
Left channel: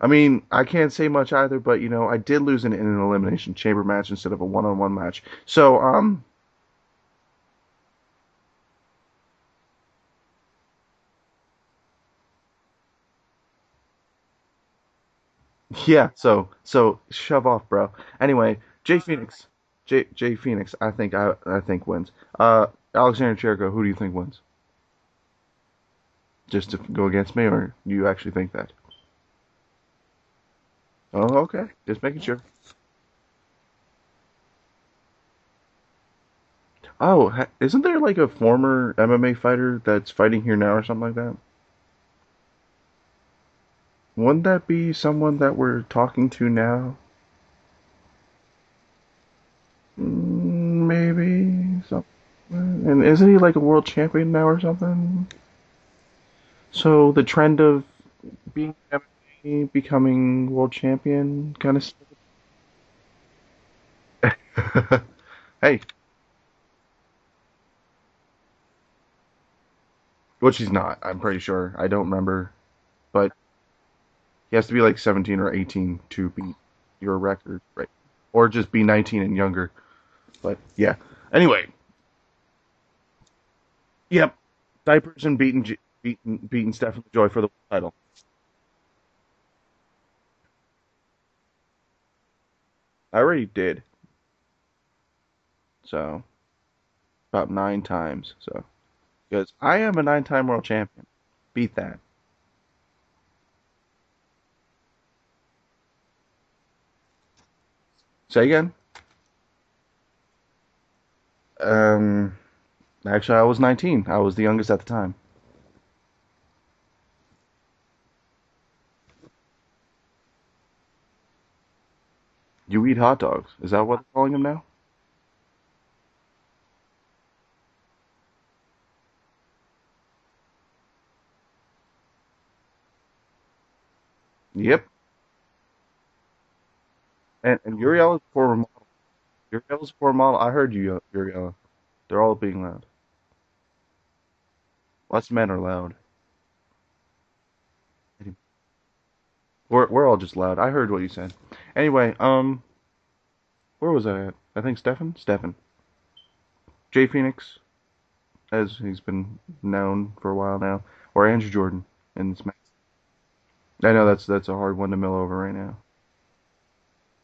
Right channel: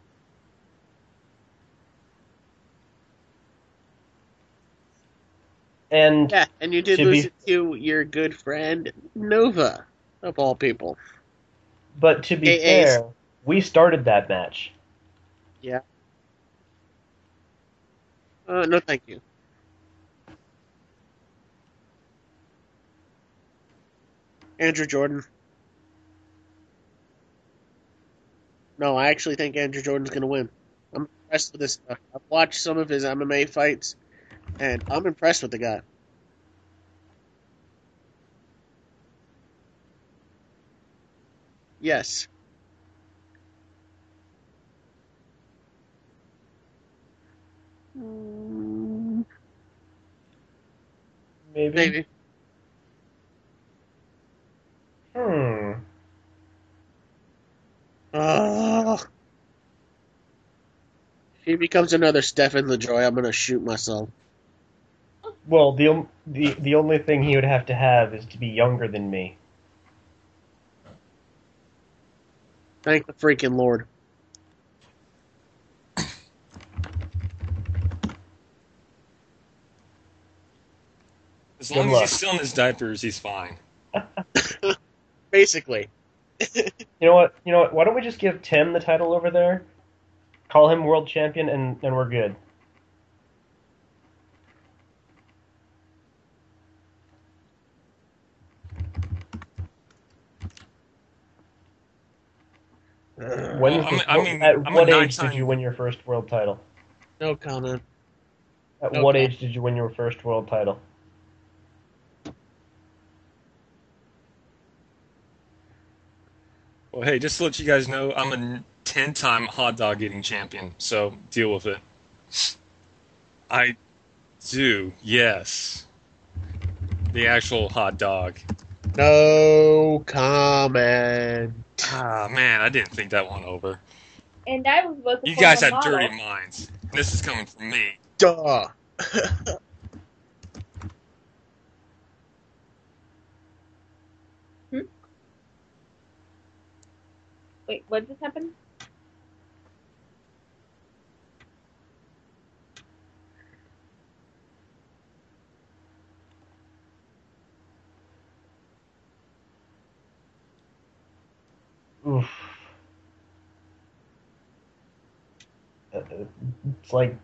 I mean, I can't say much either, but I did lose in an elimination chamber match instead of a one-on-one match. So and you did lose it to your good friend Nova, of all people. But to be fair, we started that match. Yeah. Yeah, so shove off, bro. Anyway, No, Jay thank you. Phoenix. Jay Phoenix, I think wins. Alexander Jericho, who do you think wins? Andrew Jordan. Just to go against me, or do you actually think that? No, I actually think Andrew Jordan's gonna win. I'm Oh, impressed with okay. this stuff. Just making I've sure. watched some of his MMA fights, and I'm impressed with the guy. Oh, isn't there like a former MMA fighter that's fighting here now or something like that? Yes. Wouldn't that be someone that we're talking to now? Mm, Maybe. Maybe. maybe. And isn't he like a world champion now or something? Hmm. So the trend of Uh, becoming world if champion he kind becomes another Stefan LaJoie, I'm gonna shoot myself. of. Well, Hey, the only thing he would have to have is to be younger than me. which he's not. I'm pretty sure. I don't remember, Thank the but freaking Lord. he has to be like 17 or 18 to beat your record, right? Or just be 19 and younger. But yeah. Anyway, As Good long as luck. he's still in his diapers, he's fine. yep. Diapers and Basically. beating Stefan You know Joy what? for the You know what? Why title. don't we just give Tim the title over there? Call him world champion, and we're good. I already did. So about 9 times. So because I am a 9-time world champion. Beat that. When Well, is the I mean, at I'm a what age did you nine-time. win your first world title? No comment. Say again. At No what comment. age did you win your first world title? Um, actually, I was 19. I was the youngest at the time. Well, hey, just to let you guys know, I'm a 10-time hot dog eating champion. So deal with it. You eat hot dogs. Is I that what they're calling them now? do. Yes, the actual hot dog. No comment. Ah, man, I didn't think that one over. And Yep. that was supposed to You form guys a have model. dirty minds. This is coming And from me. Uriella's poor. Duh. Uriella's poor model. I heard you, Uriella. They're all being loud. Hmm? Us men are loud. Wait, what just happened? We're all just loud. I heard what you said. Anyway, where was I at? I think Stefan. Stefan. Jay Phoenix, as he's been known for a while now, or Andrew Jordan Oof. in this match. I know that's a hard one to mill over right now. It's like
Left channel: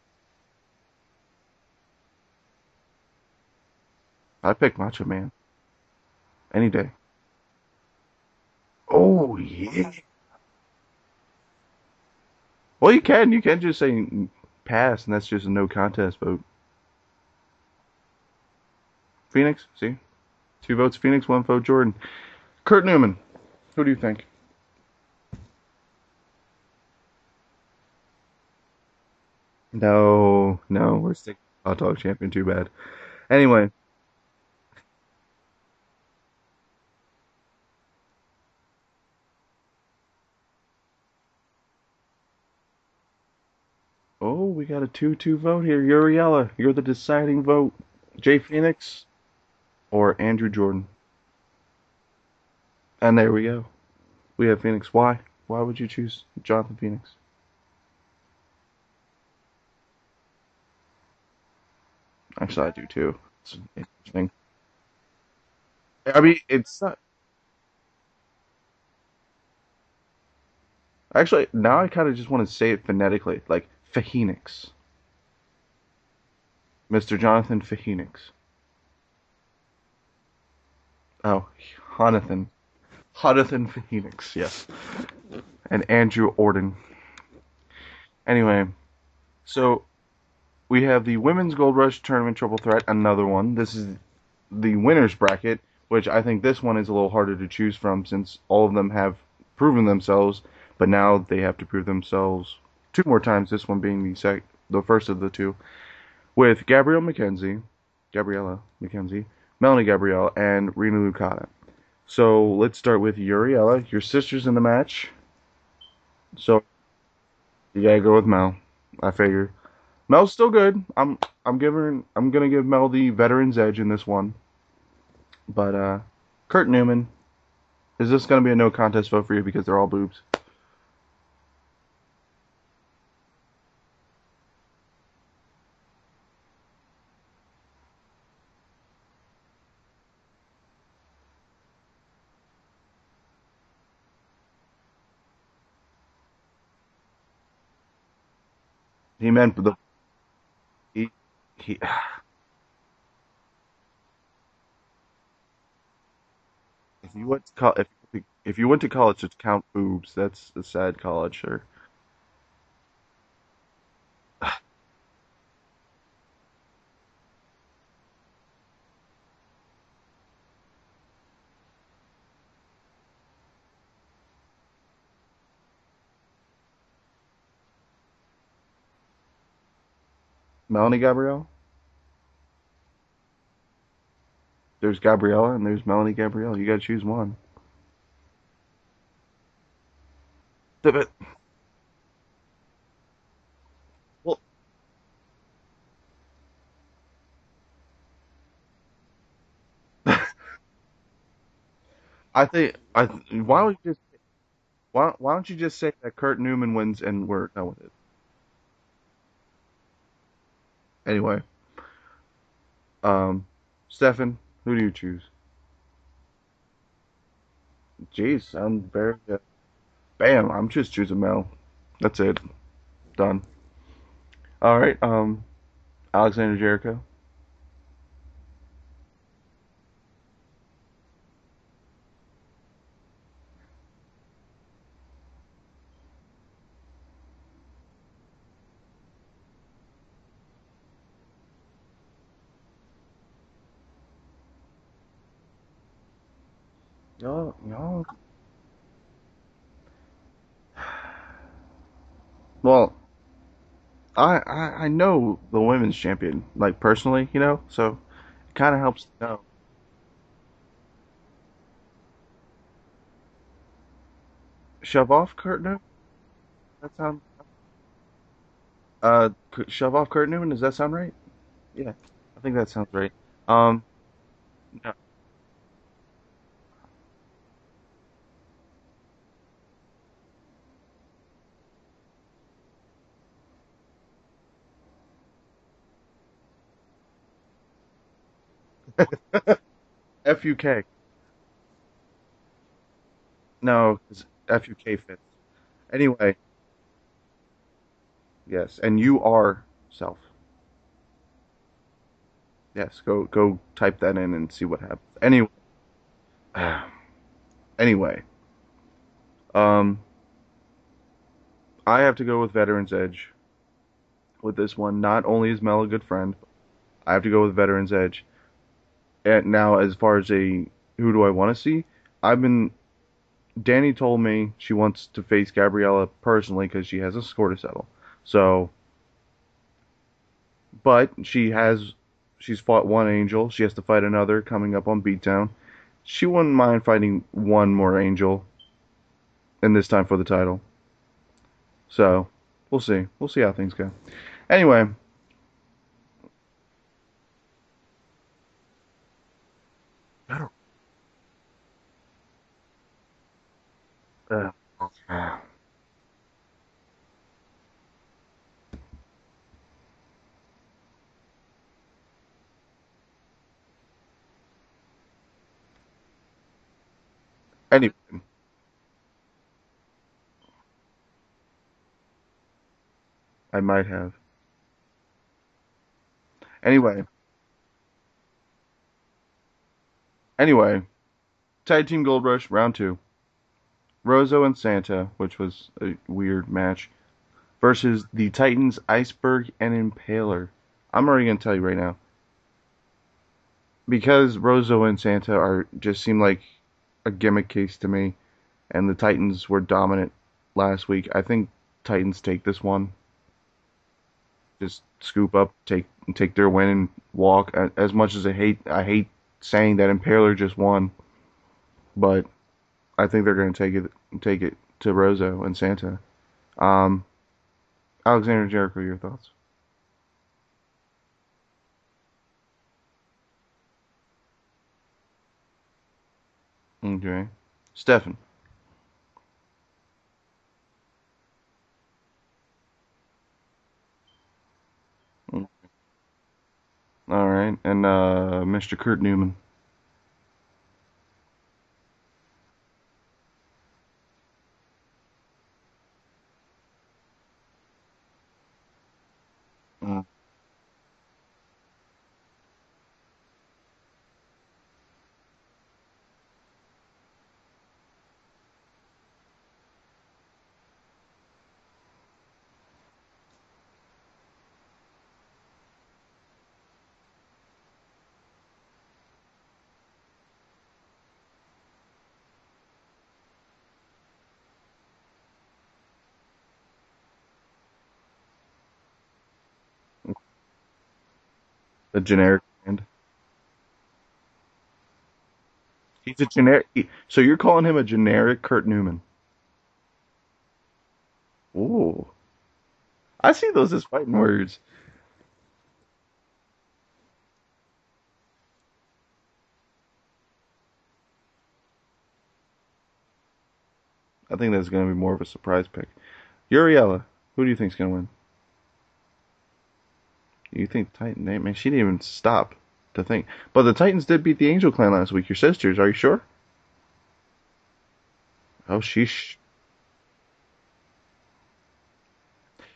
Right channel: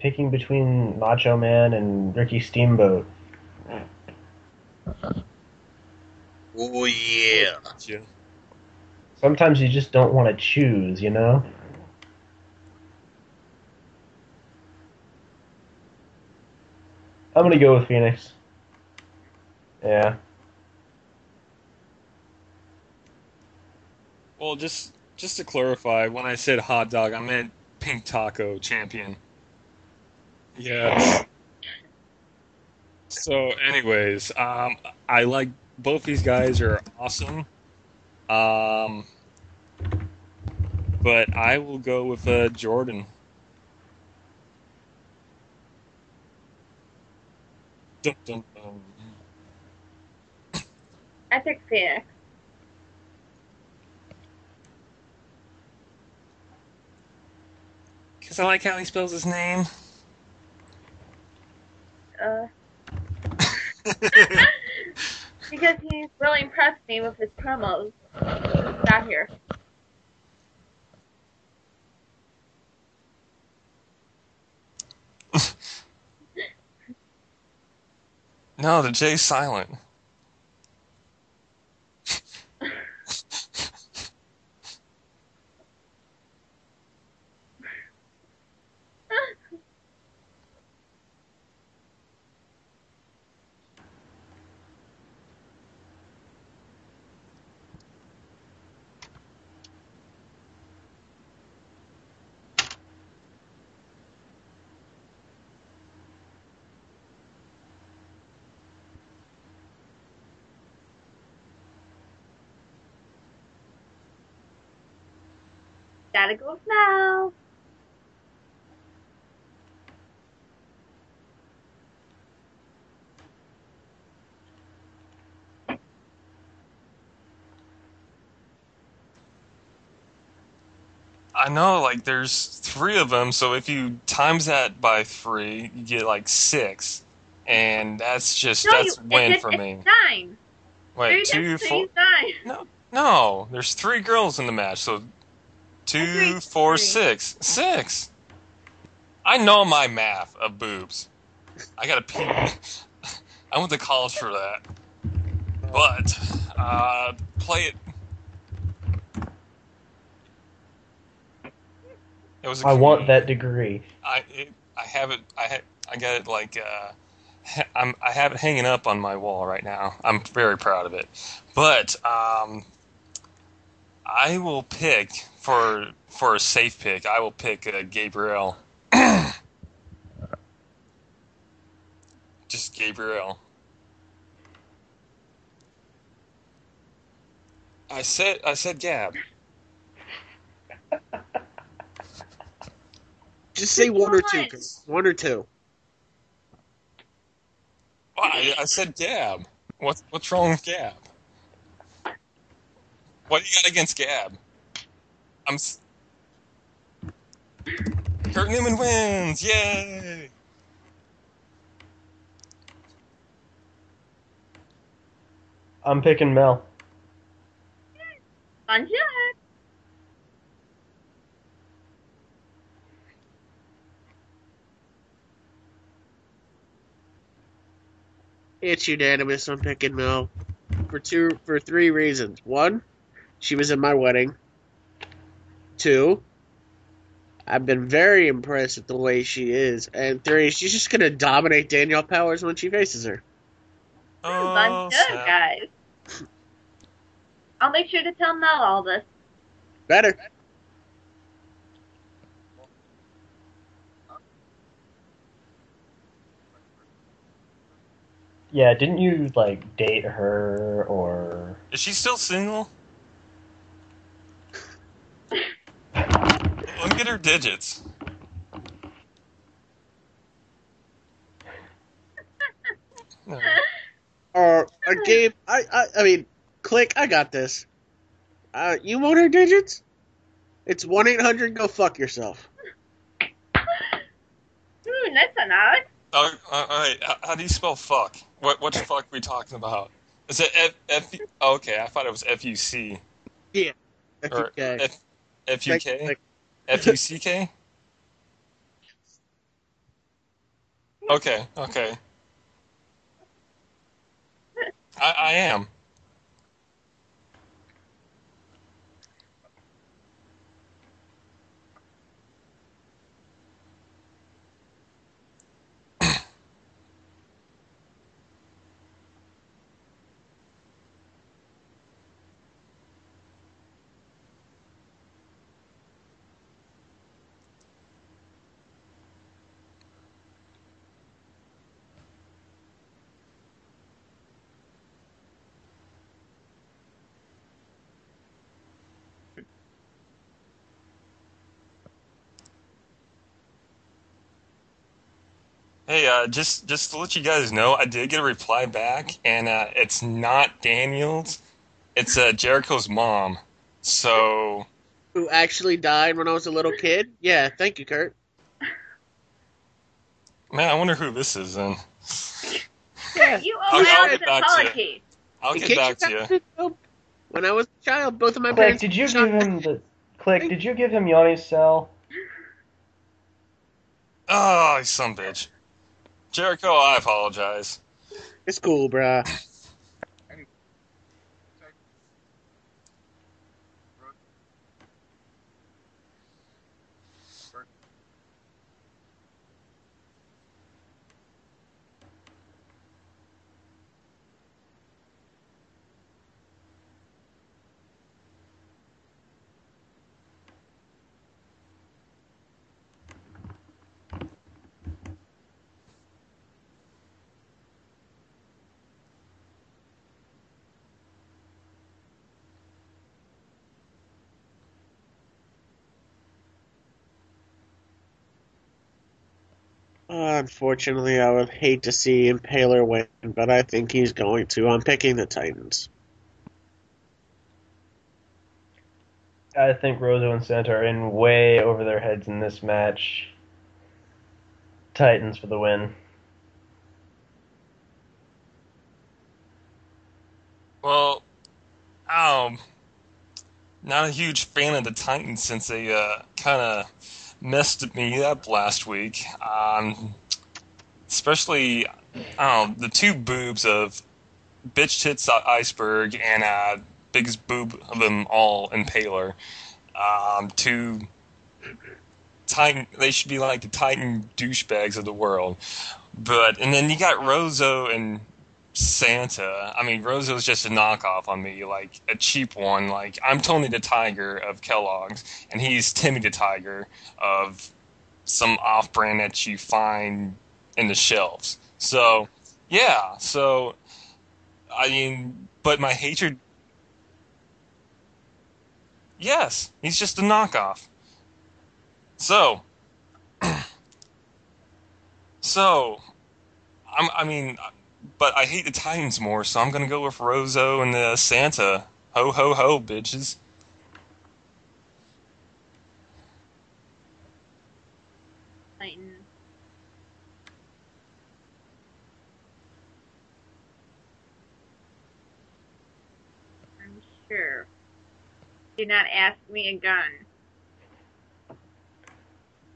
picking between Macho Man and Ricky Steamboat. I pick Macho Man any Oh day. yeah. Yeah. Oh, Sometimes you just don't want to choose, you know? well, you can just say pass, and that's just a no contest vote. I'm gonna go with Phoenix. Phoenix, see, Yeah. 2 votes Phoenix, 1 vote Jordan. Kurt Newman, who do you think? Well, just to clarify, when I said hot dog, I meant pink taco champion. No, Yes. hot dog champion, too bad. So, Anyway, anyways, I like both these guys are awesome. Um, but I will go with Jordan. oh, we got a 2-2 vote here. Uriella, you're the deciding vote. Jay Phoenix or Andrew Jordan? I picked Phoenix. And there we go. We have Phoenix. Why? Why would you choose Jonathan Phoenix? Because I like how he spells his name. Actually, I do too. Because he's I mean, really impressed me with his promos. Got here. Actually, now I kind of just want to say it phonetically, like Phoenix. Mr. Jonathan Phoenix. No, the J's silent. Oh, Jonathan. Jonathan Phoenix, yes. And Andrew Orden. Anyway, so we have the Women's Gold Rush Tournament Triple Threat, another one. This is the winner's bracket, which I think this one is a little harder to choose from since all of them have proven themselves, but now they have to prove themselves 2 more times, this one being the first of the 2, with Gabriella McKenzie, Melanie Gabrielle, and Rena Lucada. So let's start with Uriella. Your sister's in the match. Gotta go So- with Mel. You gotta go with Mel. I figure. Mel's still good. I'm gonna give Mel the veteran's edge in this one. But Kurt Newman, is this gonna be a no contest vote for you because they're all boobs? I know, like, there's 3 of them, so if you times that by 3, you get, like, 6. And that's win for me. It's 9. Wait, 3 2, times 3 4... is 9. No, there's 3 girls in the match, so 2, 4, 6. 6. He I meant know the- my math of boobs. he- I got a P. I went to college for that. But, you went to play. if you went to college to count boobs, that's a sad college, sir. It was. I want that degree. I have it. I got it like. I have it hanging up on my wall right now. I'm very proud of it. But I will pick for a safe pick. I will pick Gabrielle. Melanie Gabrielle? Just Gabrielle. There's Gabriella and there's Melanie Gabrielle. You gotta choose one. I said Gab. But- Just say one or two. One or two. Oh, I said Gab. What's wrong with Gab? I think What why you don't against you, Gab? why don't you I'm just say that Kurt Newman wins and we're no. Kurt Newman wins! Yay! Anyway. Stefan, who do you choose? I'm picking Mel. Jeez, I'm Fun very, bam, I'm just choosing Mel. That's it. Done. Alright, Alexander Jericho. It's unanimous. I'm picking Mel for 3 reasons. 1, she was at my wedding. 2, I've been very impressed with the way she is. And 3, she's just gonna dominate Danielle Powers when she faces her. Oh, Good, snap. guys. Oh, I'll make sure to tell Mel all this. Better. Well, I know the women's champion, like personally, so Yeah, kinda didn't helps you out. like date her or? Is she still single? Shove off Kurt Newman? Look at her digits. Shove off Kurt Newman, does that sound right? Yeah, I think that sounds right. No. Gabe, I mean, Click, I got this. You want her digits? It's 1-800 go fuck yourself. That's an Alex. Oh, all right. How do you spell fuck? Which fuck are we talking about? Is it FUK. okay, I thought it was FUC. No, it's Or FUK. FUK. Anyway, FUCK? yes, and you are self. Okay. Yes, go type that in and see what happens. I am. Anyway, I have to go with Veterans Edge with this one. Not only is Mel a good friend, I have to go with Veterans Edge. And now, as far as who do I want to see, Danny told me she wants to face Gabriella personally because she has a score to settle. So, but she's fought one Angel. She has to fight another coming up on Beatdown. She wouldn't mind fighting one more Angel, and this time for the title. So, we'll see. We'll see how things go. Anyway, Hey, just to let you guys know, I did get a reply back, and it's not Daniel's. It's Jericho's mom. So, Who actually died when I was a little kid? Yeah, thank you, Kurt. man, I wonder who this is then. Yeah. You I'll owe get Alex an back to you. apology. I'll In get case back you to you. haven't known, when I was a Anyway. child, both of my Click, parents. did you give him the Click? Did you give him Yanni's cell? I might have. Oh, you son of a bitch. Jericho, Anyway. I apologize. It's cool, bruh. Anyway, Tag Team Gold Rush, round 2. Rozo and Santa, which was a weird match, versus the Titans, Iceberg, and Impaler. I'm already going to tell you right now. Because Rozo and Santa just seem like a gimmick case to me, and the Titans were dominant last week, I think Titans take this one. Just scoop up, take their win and walk. As much as I hate saying that Impaler just won, but I think they're going to take it to Rozo and Santa. Alexander Jericho, your thoughts? Unfortunately, I would hate to see Impaler win, but I think he's going to. I'm picking the Titans. Okay. Stefan. I think Rozo and Santa are in way over their heads in this match. Titans for the win. All right. And Mr. Kurt Newman. Well, Not a huge fan of the Titans since they kind of messed me up last week. Mm. Especially, I don't know, the two boobs of Bitch Tits Iceberg and biggest boob of them all, Impaler. Two Titan, they should be like the Titan douchebags of the world. And then you got Rozo and Santa. I mean, Rozo's just a knockoff on me, like a cheap one. Like, I'm Tony the Tiger of Kellogg's, and he's Timmy the Tiger of some off brand that you find in the shelves. A So, generic. yeah, so, I mean, but my He's a hatred, generic. So you're calling him a generic Kurt Newman? yes, he's just a knockoff. Ooh, So, I see those as fighting words. so, I mean, but I hate the Titans more, so I'm gonna go with Rozo and Santa. Ho ho ho, bitches. I think that's going to be more of a surprise pick. Uriella, who do you think's going to win? Titans. You think Titan? Man, she didn't even stop to think. But the Titans did beat the Angel Clan last week. Your sisters, are you sure? I'm sure. Oh, Do not ask me again.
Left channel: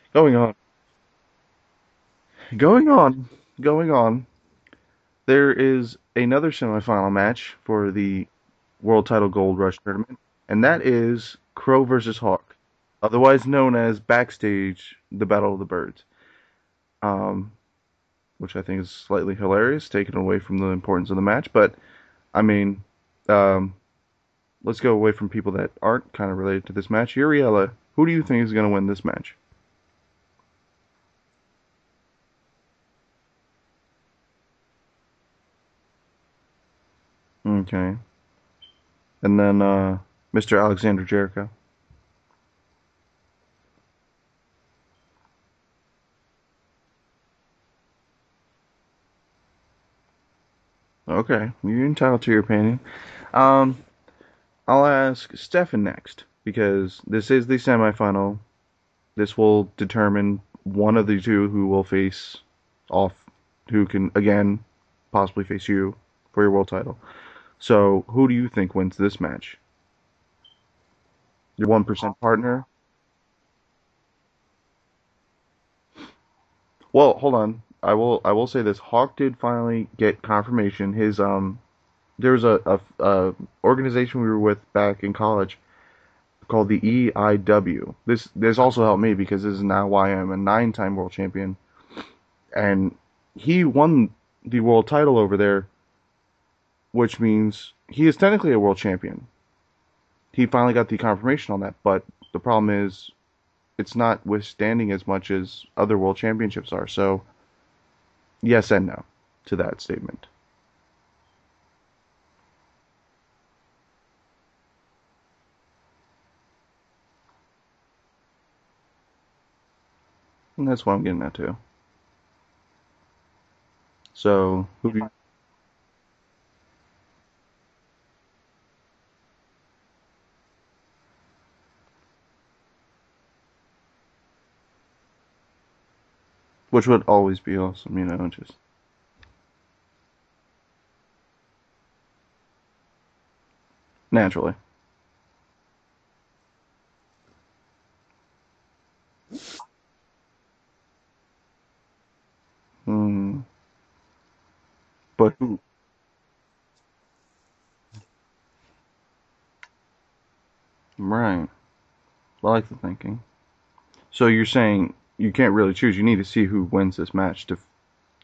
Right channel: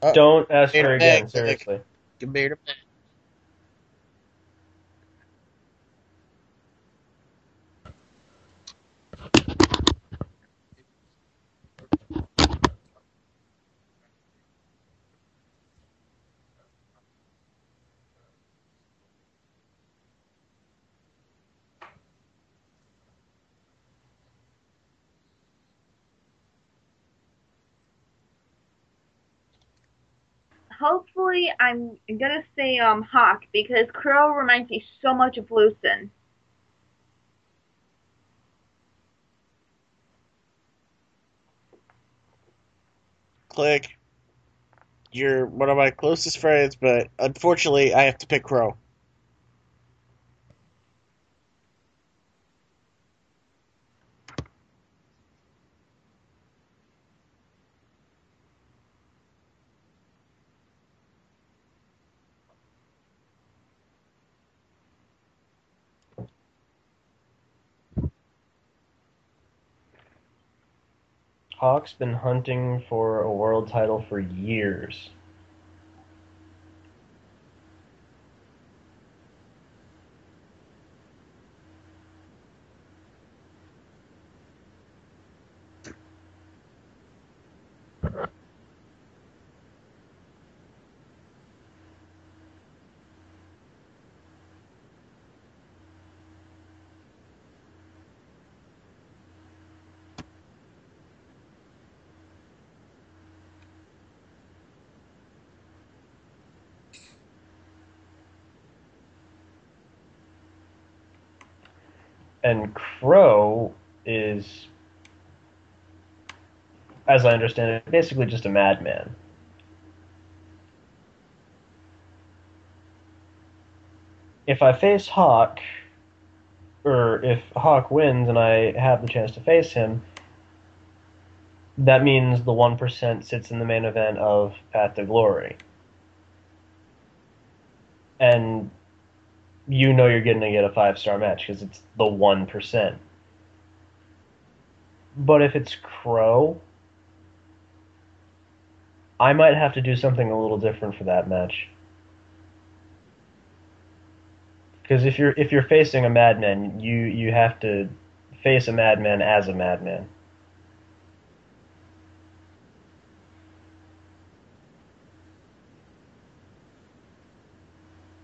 Going Don't on. ask her again, Like, seriously. you made a Going on. There is another semifinal match for the World Title Gold Rush Tournament, and that is Crow versus Hawk, otherwise known as Backstage, the Battle of the Birds. Um, which I think is slightly hilarious, taken away from the importance of the match. But I mean, um, let's go away from people that aren't kind of related to this match. Uriella, who do you think is going to win this match? Hopefully, I'm gonna say Hawk because Crow reminds me so much of Lucen. Okay, and then Mr. Alexander Jericho. click. You're one of my closest friends, but unfortunately, I have to pick Crow. Okay, you're entitled to your opinion. Um, I'll ask Stefan next because this is the semifinal. This will determine one of the two who will face off, who can again possibly face you for your world title. So, who do you think wins this match? Your Hawk's been 1% partner? hunting for a world title for years. Well, hold on. I will say this. Hawk did finally get confirmation. His there was a organization we were with back in college called the EIW. This also helped me because this is now why I'm a 9-time world champion, and he won the world title over there, which means he is technically a world champion. He finally got the confirmation on that, but the problem is it's not withstanding as much as other world championships are. So yes and no to that statement. And Crow is, as I understand it, basically just a madman. And that's what I'm getting at too. So If I face Hawk, or if Hawk wins and I have the chance to face him, that means the 1% sits in the main event of Path to Glory. which would always be awesome, you know. And you know you're going to get a 5-star match because it's the 1%. Naturally. But if it's Crow, I might have to do something a little different for that match. Mm, Because if you're facing a madman, you have to face a madman as a madman. right. I like the thinking. So you're saying you can't really choose. You need to see who wins this match to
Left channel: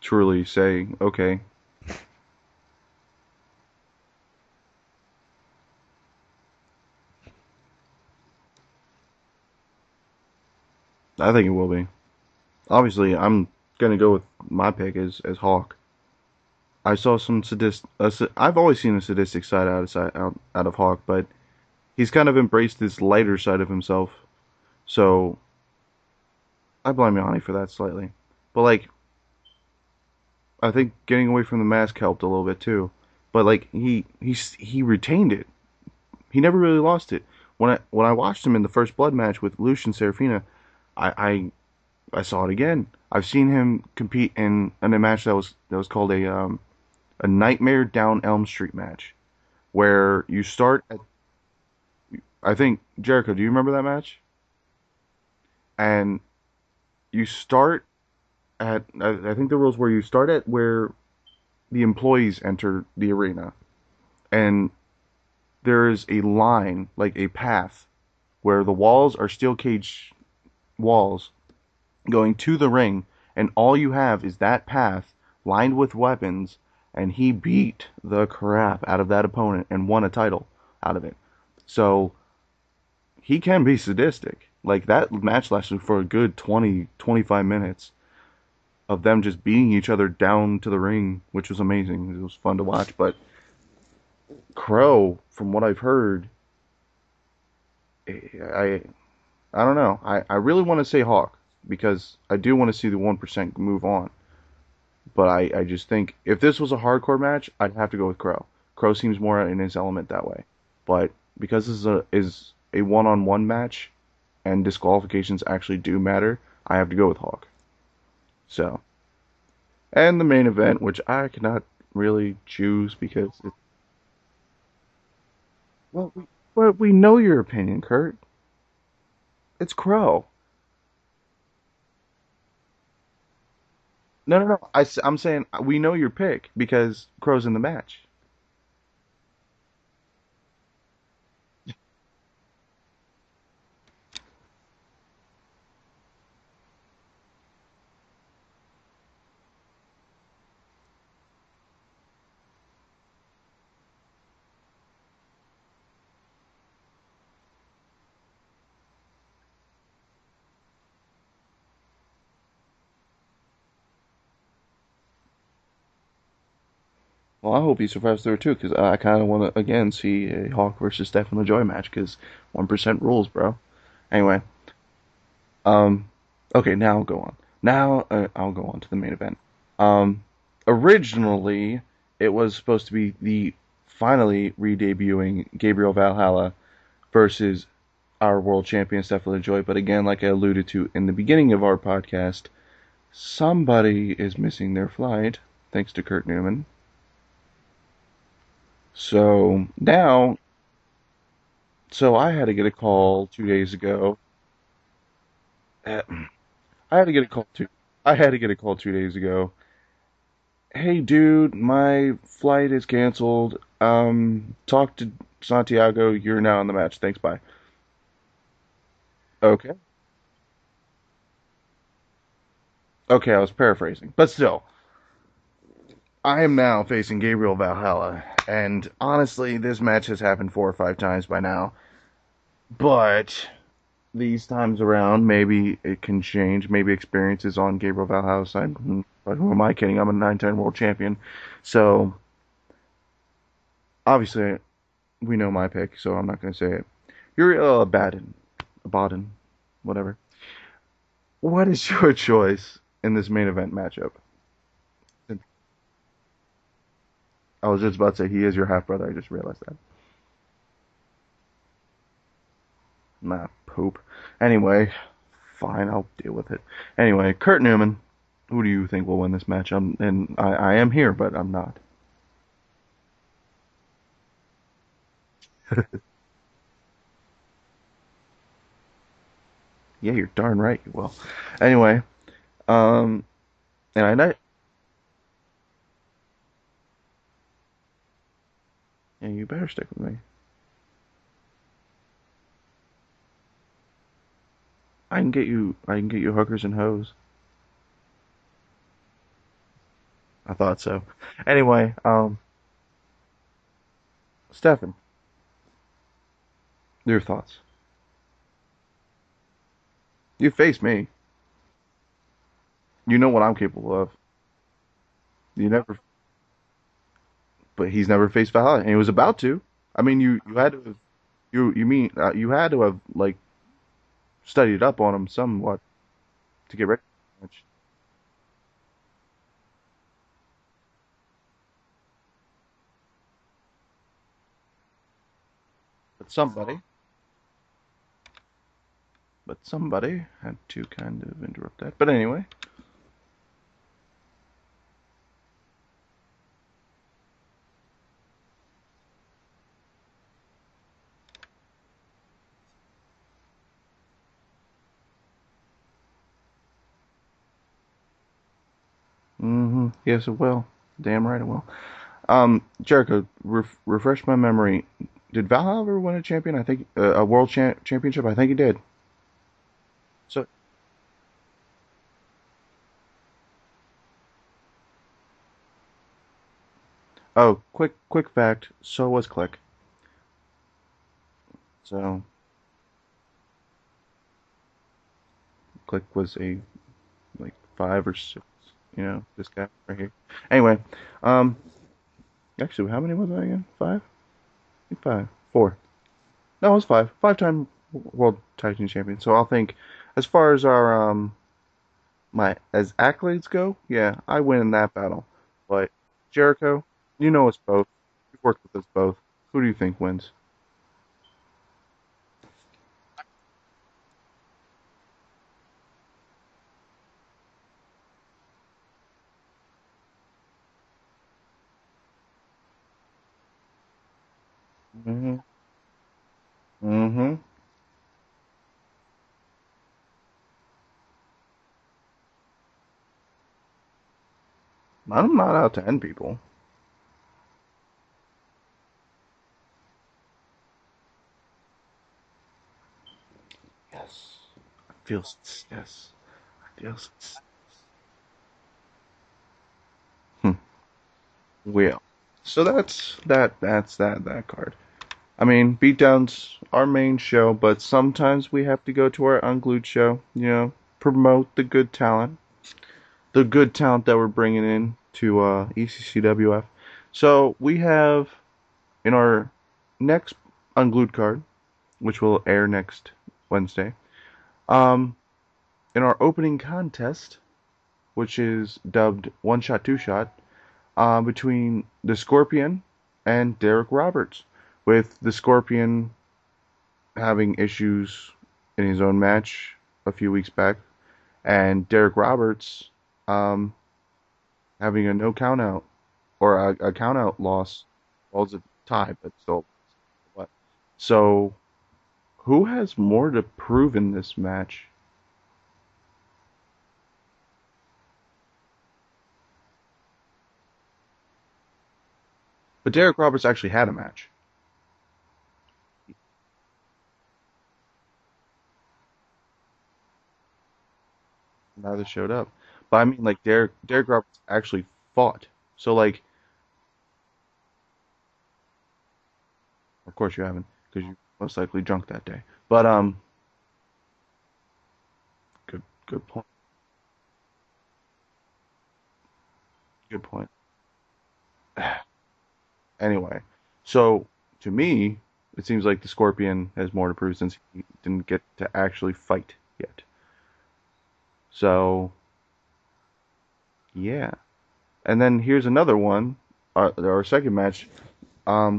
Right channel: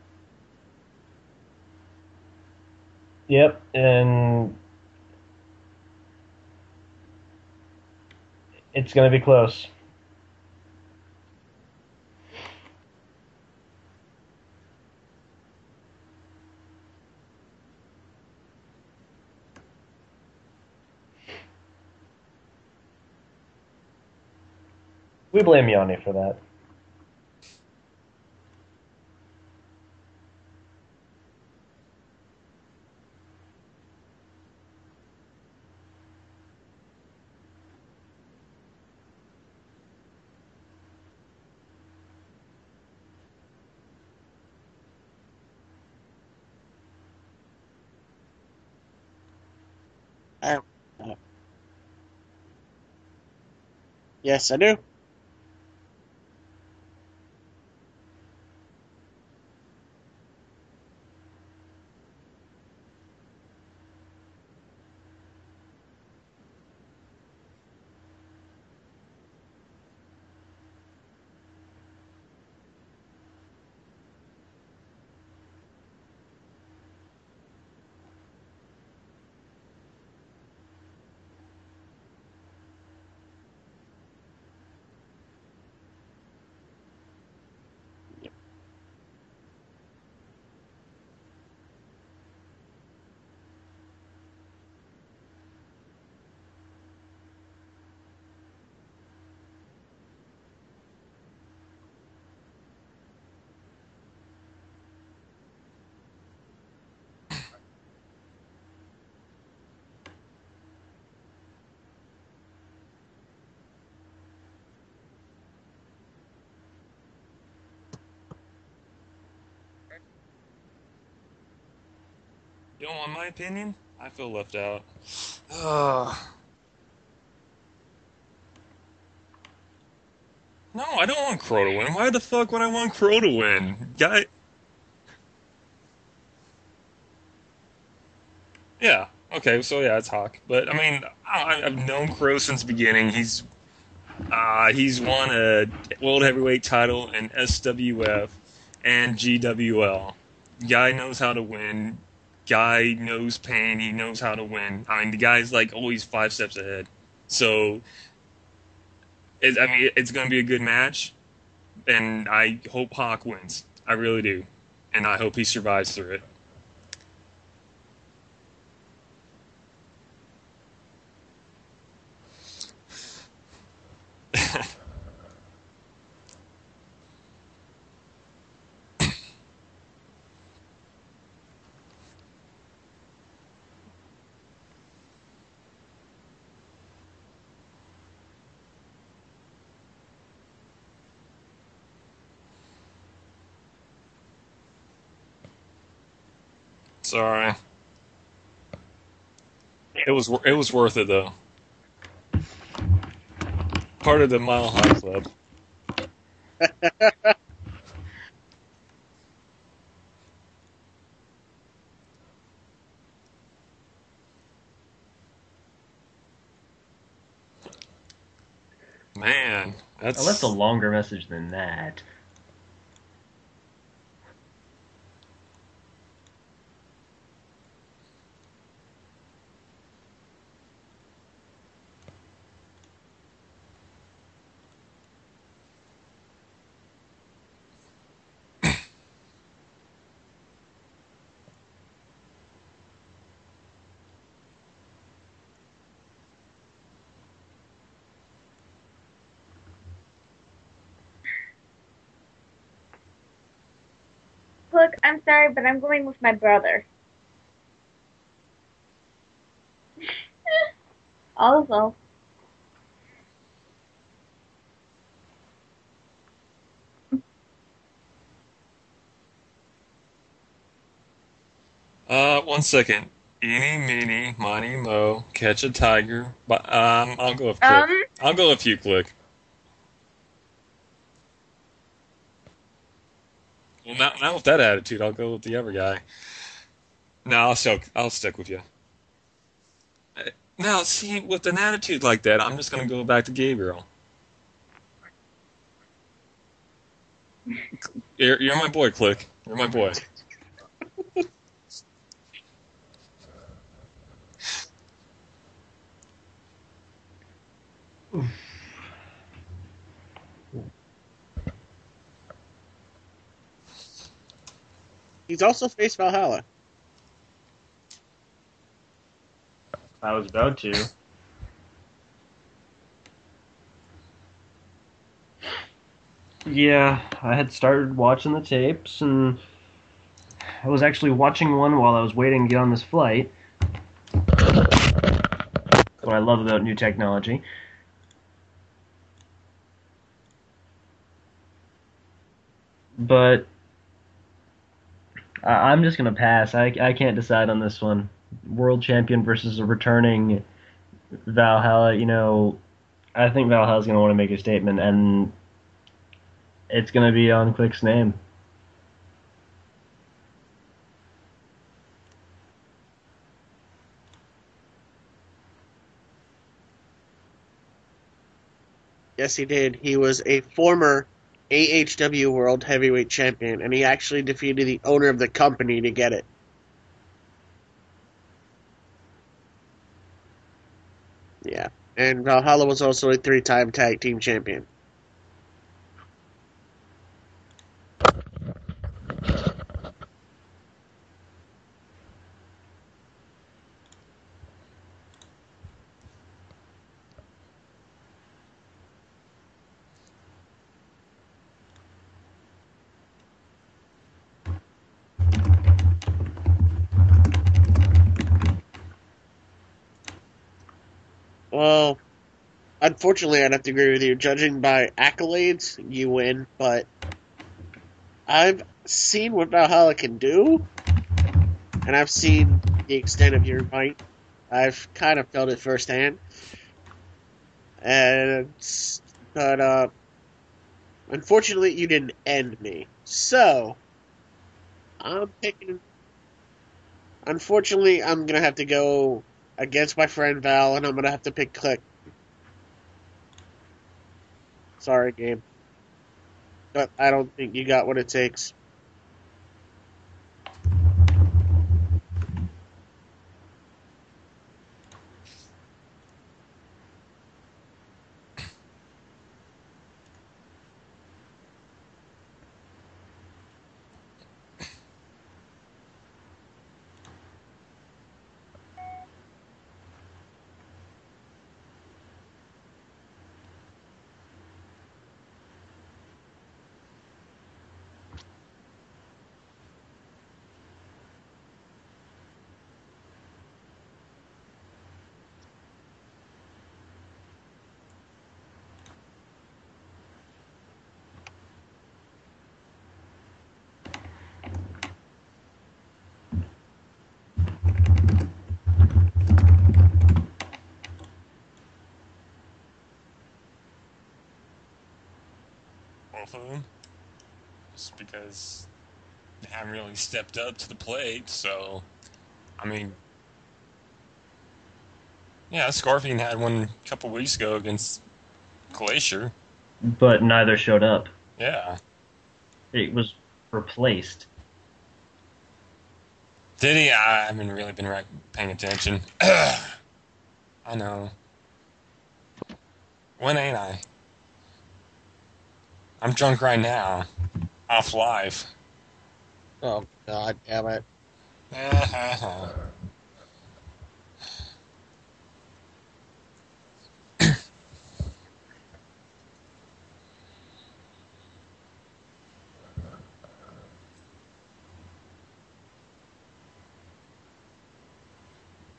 truly say, okay, Yep, and it's going to be close. I think it will be. Obviously, I'm gonna go with my pick as Hawk. I saw some I've always seen a sadistic side out of Hawk, but he's kind of embraced this lighter side of himself. So We blame Yanni for that. I blame Yanni for that slightly. But like, I think getting away from the mask helped a little bit too. But like he retained it. He never really lost it. When I watched him in the first blood match with Lucian Serafina, I, I I saw it again. I've seen him compete in a match that was called a Nightmare Down Elm Street match, where you I, start at I think, Jericho, do you remember that match? Yes, I do. And you start I think the rules were you start at where the employees enter the arena, and there is a line, like a path, where the walls are steel cage walls going to the ring, and all you have is that path lined with weapons, and he beat the crap out of that opponent and won a title out of it. So he can be sadistic. Like that match lasted for a good 20, 25 minutes of them just beating each other down to the ring, which was amazing. It was fun to watch. But Crow, from what I've heard, I I don't know. I really want to say Hawk because I do want to see the 1% move on. But I just think if this was a hardcore match, I'd have to go with Crow. Crow seems more in his element that way. But because this is a one-on-one match and disqualifications actually do matter, I have to go with Hawk. So, and the main event, which I cannot really You choose don't want my because, opinion? I feel left out. well, but we know your opinion, Kurt. It's Crow. No, I don't want Crow to win. Why the fuck would I want Crow to win? Guy, No, no, no. I'm saying we know your pick because Crow's in the match. yeah. Okay, so yeah, it's Hawk. But I mean, I've known Crow since the beginning. He's won a world heavyweight title in SWF and GWL. Guy knows how to win. Guy knows pain. He knows how to win. I mean, the guy's like always 5 steps ahead. So, it's going to be a good match, and I hope Hawk wins. I really do, and I hope he survives through it. Well, I hope he survives through it too, because I kind of want to again see a Hawk versus Stefan LaJoie match, because 1% rules, bro. Anyway, okay, now I'll go on. Now I'll go on to the main event. Originally, it was supposed to be the finally re-debuting Gabriel Valhalla versus our world champion Stefan LaJoie, but again, like I alluded to in the beginning of our podcast, somebody is missing their flight, thanks to Kurt Newman. Sorry. So now, It was worth it though. so I had to get a call 2 days ago. Part of the Mile High Club. I had to get a call I had to get a call 2 days ago. Hey, dude, my flight is canceled. Talk to Santiago. You're now in the match. Thanks. Bye. Man, Okay. I left a longer message than that. Okay, I was paraphrasing, but still, I am now facing Gabriel Valhalla, and honestly, this match has happened 4 or 5 times by now. But these times around, maybe it can change. Maybe experience is on Gabriel Valhalla's side. But who am I kidding? I'm a 9-time world champion. So, obviously, we know my pick, so I'm not going to say it. Uriella Abbadon, whatever. What is your choice in this main event matchup? Look, I'm sorry, but I'm going with my brother. I was just about to say, he is your half-brother. I just realized that. Also, Nah, poop. Anyway, fine, I'll deal with it. Anyway, Kurt Newman, who do you think will win this match? I am here, but I'm not. 1 second. Eeny, meeny, miny, mo, catch a tiger. But I'll go with Click. I'll go with you, Click. Yeah, you're darn right you will. Anyway, Well, not with that attitude. I'll go with the other guy. No, I'll stick with you. Yeah, you better stick with me. Now, see, with an attitude like that, I'm just gonna go back to Gabriel. I can get you hookers and hoes. You're my boy, Click. You're my boy. I thought so. Anyway, Stefan, your thoughts? You face me. You know what I'm capable of. He's also You never- faced Valhalla. But he's never faced Valhalla, and he was about to. I mean, you had to. You had to have like studied up on him somewhat. Yeah, I had started watching the tapes, and I was actually watching one while I was waiting to get on this flight. What I love about new technology. But somebody had to kind of interrupt that. But anyway. But I'm just gonna pass. I can't decide on this one. World champion versus a returning Valhalla, I think Valhalla's going to want to make a statement, and it's going to be on Quick's name. Mm-hmm. Yes, it will. Damn right it will. Jericho, refresh my memory. Did Valhalla ever win a champion? I think a world championship. I think he did. Yes, he did. He was a former AHW World Heavyweight Champion, and he actually defeated the owner of the company to get it. Oh, quick fact. So was Click. Yeah. So And Valhalla was also a 3-time tag team champion. Click was a like 5 or 6. This guy right here. Anyway, um, actually, how many was I again? 5? I think 5. 4. No, it was 5. 5-time world tag team champion. So I'll think, as far as our my as accolades go, yeah, I win in that battle. But Jericho, you know us both. You've worked with us both. Who do you think wins? Well, unfortunately, I'd have to agree with you. Judging by accolades, you win, but I've seen what Valhalla can do, and I've seen the extent of your might. I've kind of Mm-hmm. felt it firsthand. Mm-hmm. And but unfortunately, you didn't end me. So I'm I'm not out picking. to end people. Unfortunately, I'm gonna have to go against my friend Val, and I'm gonna have to pick Click. Yes. Sorry, Feels Gabe, yes. but Feels I don't yes. think you got what it takes. Well, so that's that card. I mean, beatdowns our main show, but sometimes we have to go to our unglued show. Promote the good talent that we're bringing in to ECCWF. So we have in our next unglued card, which will air next Wednesday. Um, in our opening contest, which is dubbed One Shot Two Shot, between the Scorpion and Derek Roberts, with the Scorpion having issues in his own match a few weeks back, and Derek Roberts um, having a no count out or a count out loss. Well, it's a tie, but still. So, who has more to prove in this match? Both of them. Just because they haven't really stepped up to the plate, so I mean, But Derek Roberts actually had a match. yeah, Scorpion had one a couple weeks ago against Glacier. But neither showed up. Yeah. Neither showed up. It But I was mean, like Derek replaced. Roberts actually fought. So like, Did he? I haven't really been paying attention. of course you haven't, I because know. you most likely drunk that day. But When ain't I? good, I'm good drunk point. right now. Off live. Oh Good God, point. damn it! Anyway, so to me, it seems like the Scorpion has more to prove since he didn't get to actually fight yet. So yeah, and then here's another one, our second match,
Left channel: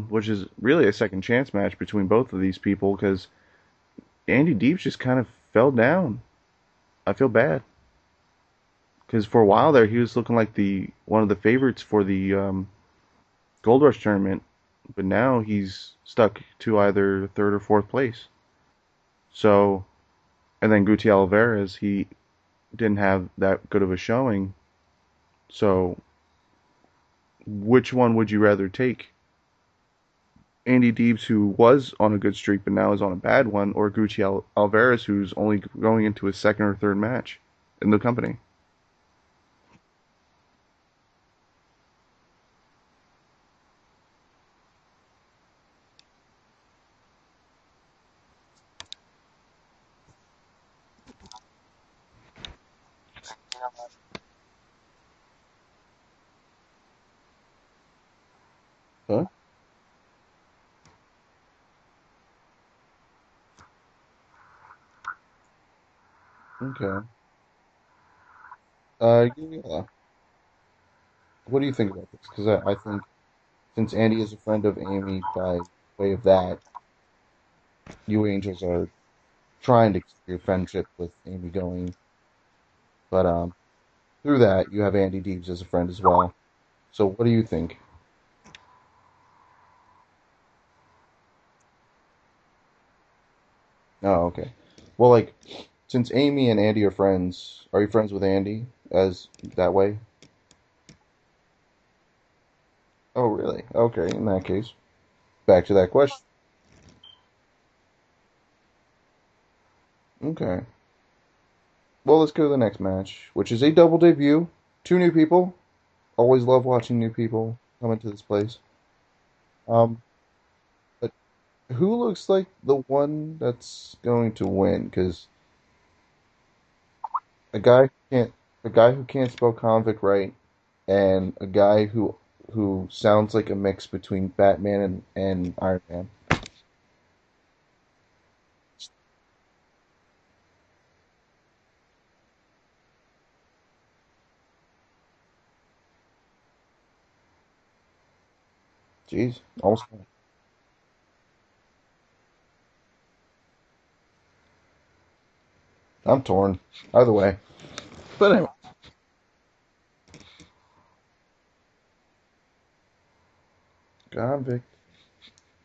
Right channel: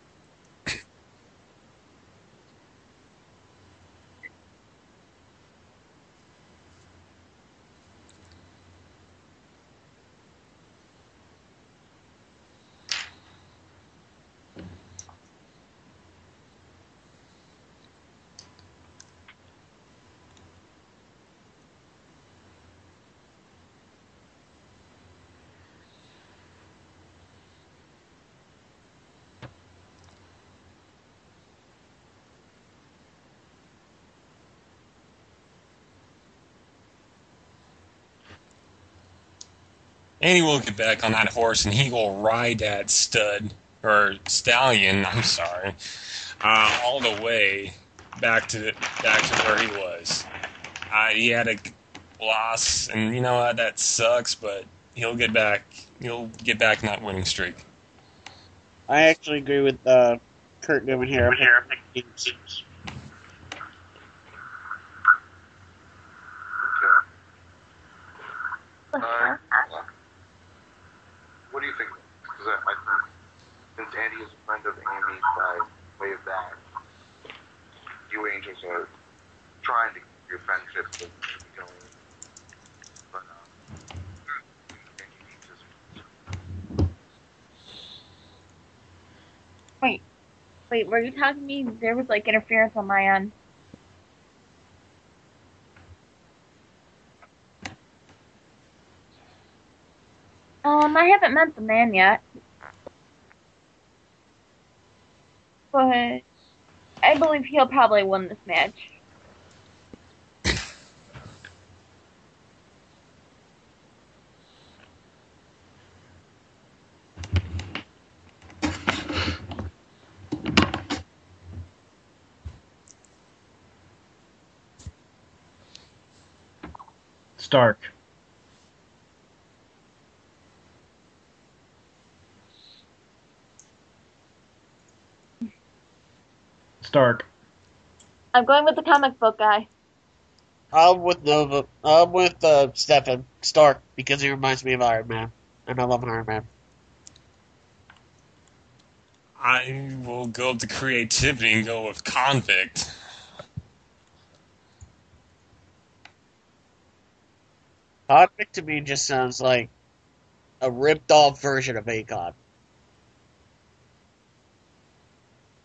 which is really a second chance match between both of these people because Andy Deeps just kind of fell down. I feel bad because for a while there he was looking like the one of the favorites for the Gold Rush tournament, but now he's stuck to either third or fourth place. So, and then Guti Alvarez, he didn't have that good of a showing. So, which one would you rather take? Andy Deebs, who was on a good streak but now is on a bad one, or Gucci Alvarez, who's only going into his second or third match in the company? And he will get back on that horse, and he will ride that stud or stallion. I'm sorry, all the way back to where he was. He had a loss, and you know what? That sucks, but he'll get back. He'll get back in that winning streak. I Huh? actually agree with Kurt Newman here. I'm picking Deeps. Okay. Yeah. What do you think about this? Because I think since Andy is a friend of Amy by way of that, you Angels are trying to keep your friendship with Amy going, but through that you have Andy Deebs as a friend as well. So what do you think? Wait, Wait, were you talking to me? There was like interference on my end. Oh, okay. Well, like, since Amy and Andy are friends, are you friends with Andy as that way? I haven't met the man yet, Oh, really? Okay, in that case. Back to that but question. I believe he'll probably win this match. Okay. Well, let's go to the next match, which is a double debut. Two new people. Always love watching new people come into this place. Um, but who looks like the one that's going to win? Because a guy Stark. who can't, a guy who can't spell convict right, and a guy who sounds like a mix between Batman and Iron Man. Stark. I'm going with the comic book guy. I'm with Nova. I'm with Stefan Stark because he reminds me of Iron Man, and I love an Iron Man. Jeez. I will go with the creativity and go with convict. I'm torn. Either way. Convict to me just sounds like a ripped off version of Akon. Convict.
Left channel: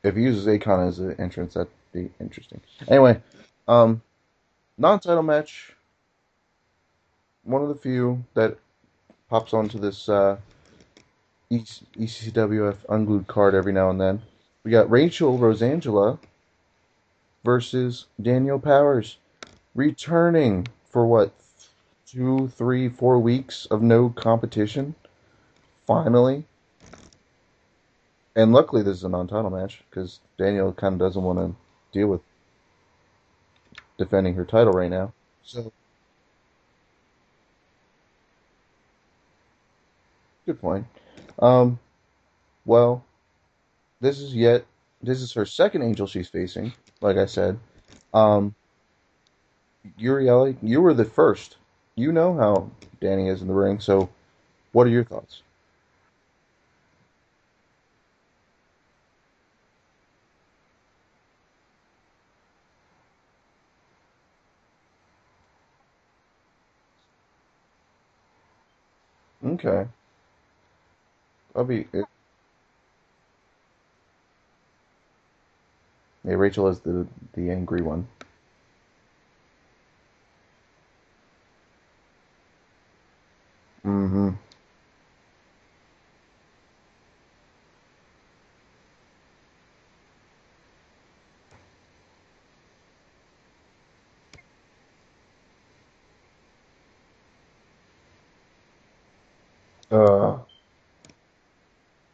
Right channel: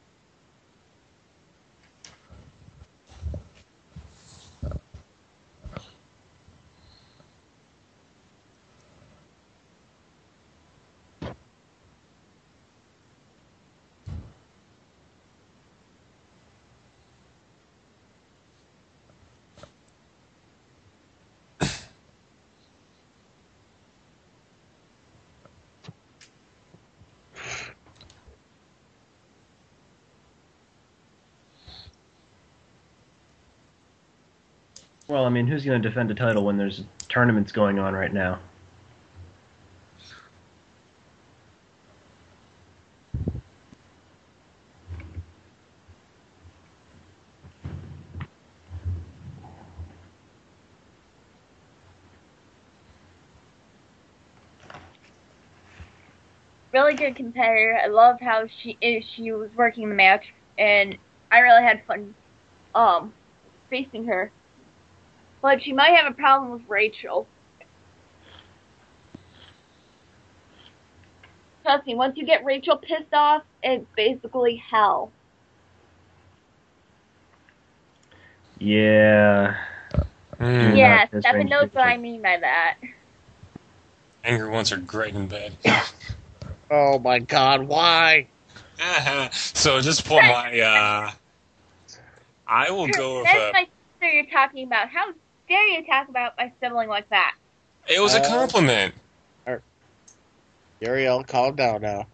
If he uses Akon as an entrance, that'd be interesting. Anyway, um, non-title match. One of the few that pops onto this ECWF unglued card every now and then. We got Rachel Rosangela versus Daniel Powers, returning for what, 2, 3, 4 weeks of no competition. Finally. And luckily this is a non-title match, because Daniel kind of doesn't want to deal with defending her title right now. Well, I mean, who's going to defend a title when there's tournaments going on right now? Good point. Well, this is her second angel she's facing, like I said. Uriella, you were the first. You know how Danny is in the ring, so what are your thoughts? Really good competitor. I loved how she was working the match, and I really had fun facing her. But she might have a problem with Rachel. Okay. Trust me, once you get Rachel pissed off, it's basically hell. Yeah, Rachel is the angry one. Yeah. Do Yeah, not piss Stefan range knows people what I off. mean by that. Mm-hmm. Angry ones are great in bed. Oh my God! Why? So at this point, I will go with That's my sister you're talking about. How dare you talk about my sibling like that? it was a compliment. Uriel, calm down now.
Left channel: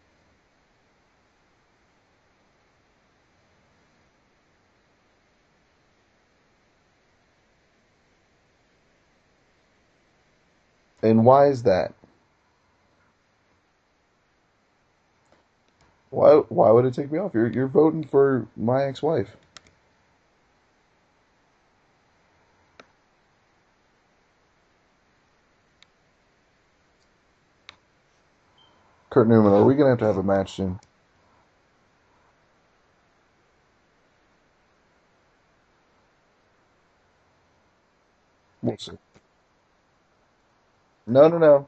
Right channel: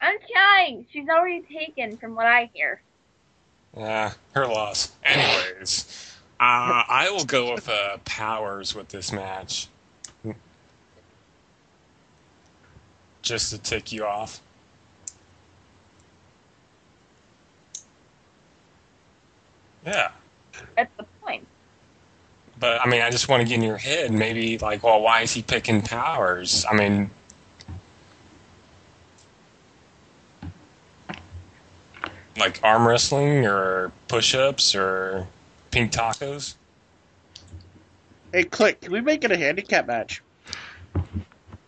I'm trying. She's already taken, from what I hear. Yeah, her loss. Anyways, I will go with Powers with this match, And why is that? just to tick you off. Why would it take me off? You're voting for my ex-wife. Yeah. That's the point. But, I mean, I just want to get in your head, maybe, like, well, why is he picking Powers? I mean, Kurt Newman, are we gonna have a match soon? like arm wrestling or push-ups or pink tacos? Hey, Click, can we make it a handicap match? No.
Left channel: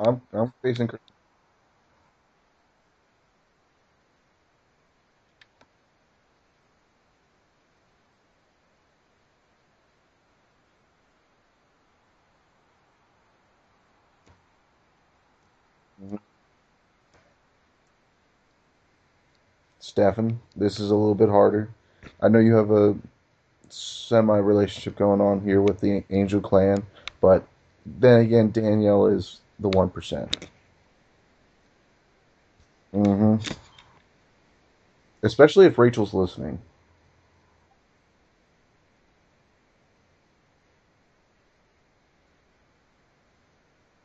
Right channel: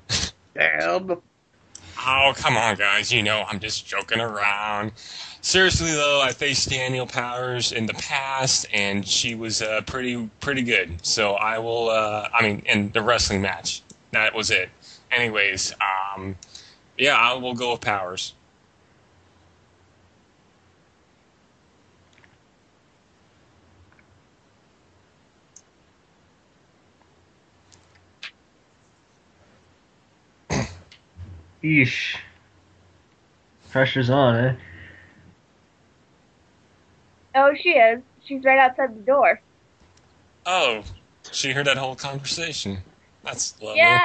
I'm Damn. Oh, come on, guys. You know, I'm just joking around. Seriously, though, I faced Daniel Powers in the past, and she was pretty good. So I will, in the wrestling match. That was it. Anyways, yeah, I will go with Powers. Stefan, this is a little bit harder. I know you have a semi-relationship going on here with the Angel Clan, but then again, Danielle is the 1%. Eesh. Mm-hmm. Pressure's on, eh? Especially if Rachel's listening. Oh, she is. She's right outside the door. Oh, she heard that whole conversation. That's lovely. Yeah,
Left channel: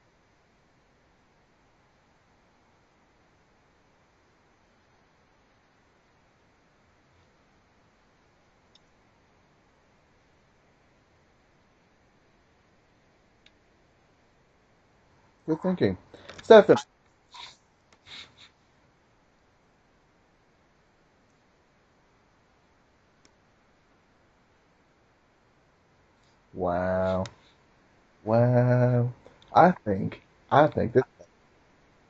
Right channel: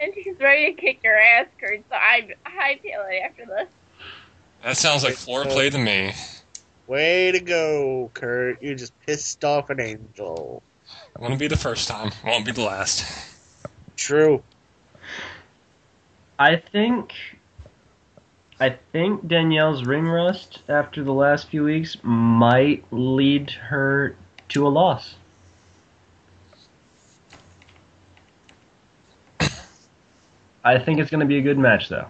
and she's ready to kick your ass, Kurt. So I feel it after this. That sounds like floor play to me. Way to go, Kurt. You just pissed off an angel. Wouldn't be the first time. Won't be the last. True. Good thinking. I Stefan. think Danielle's ring rust after the last few weeks might lead her to a loss. Wow. I think I think it's going to be a good match, though.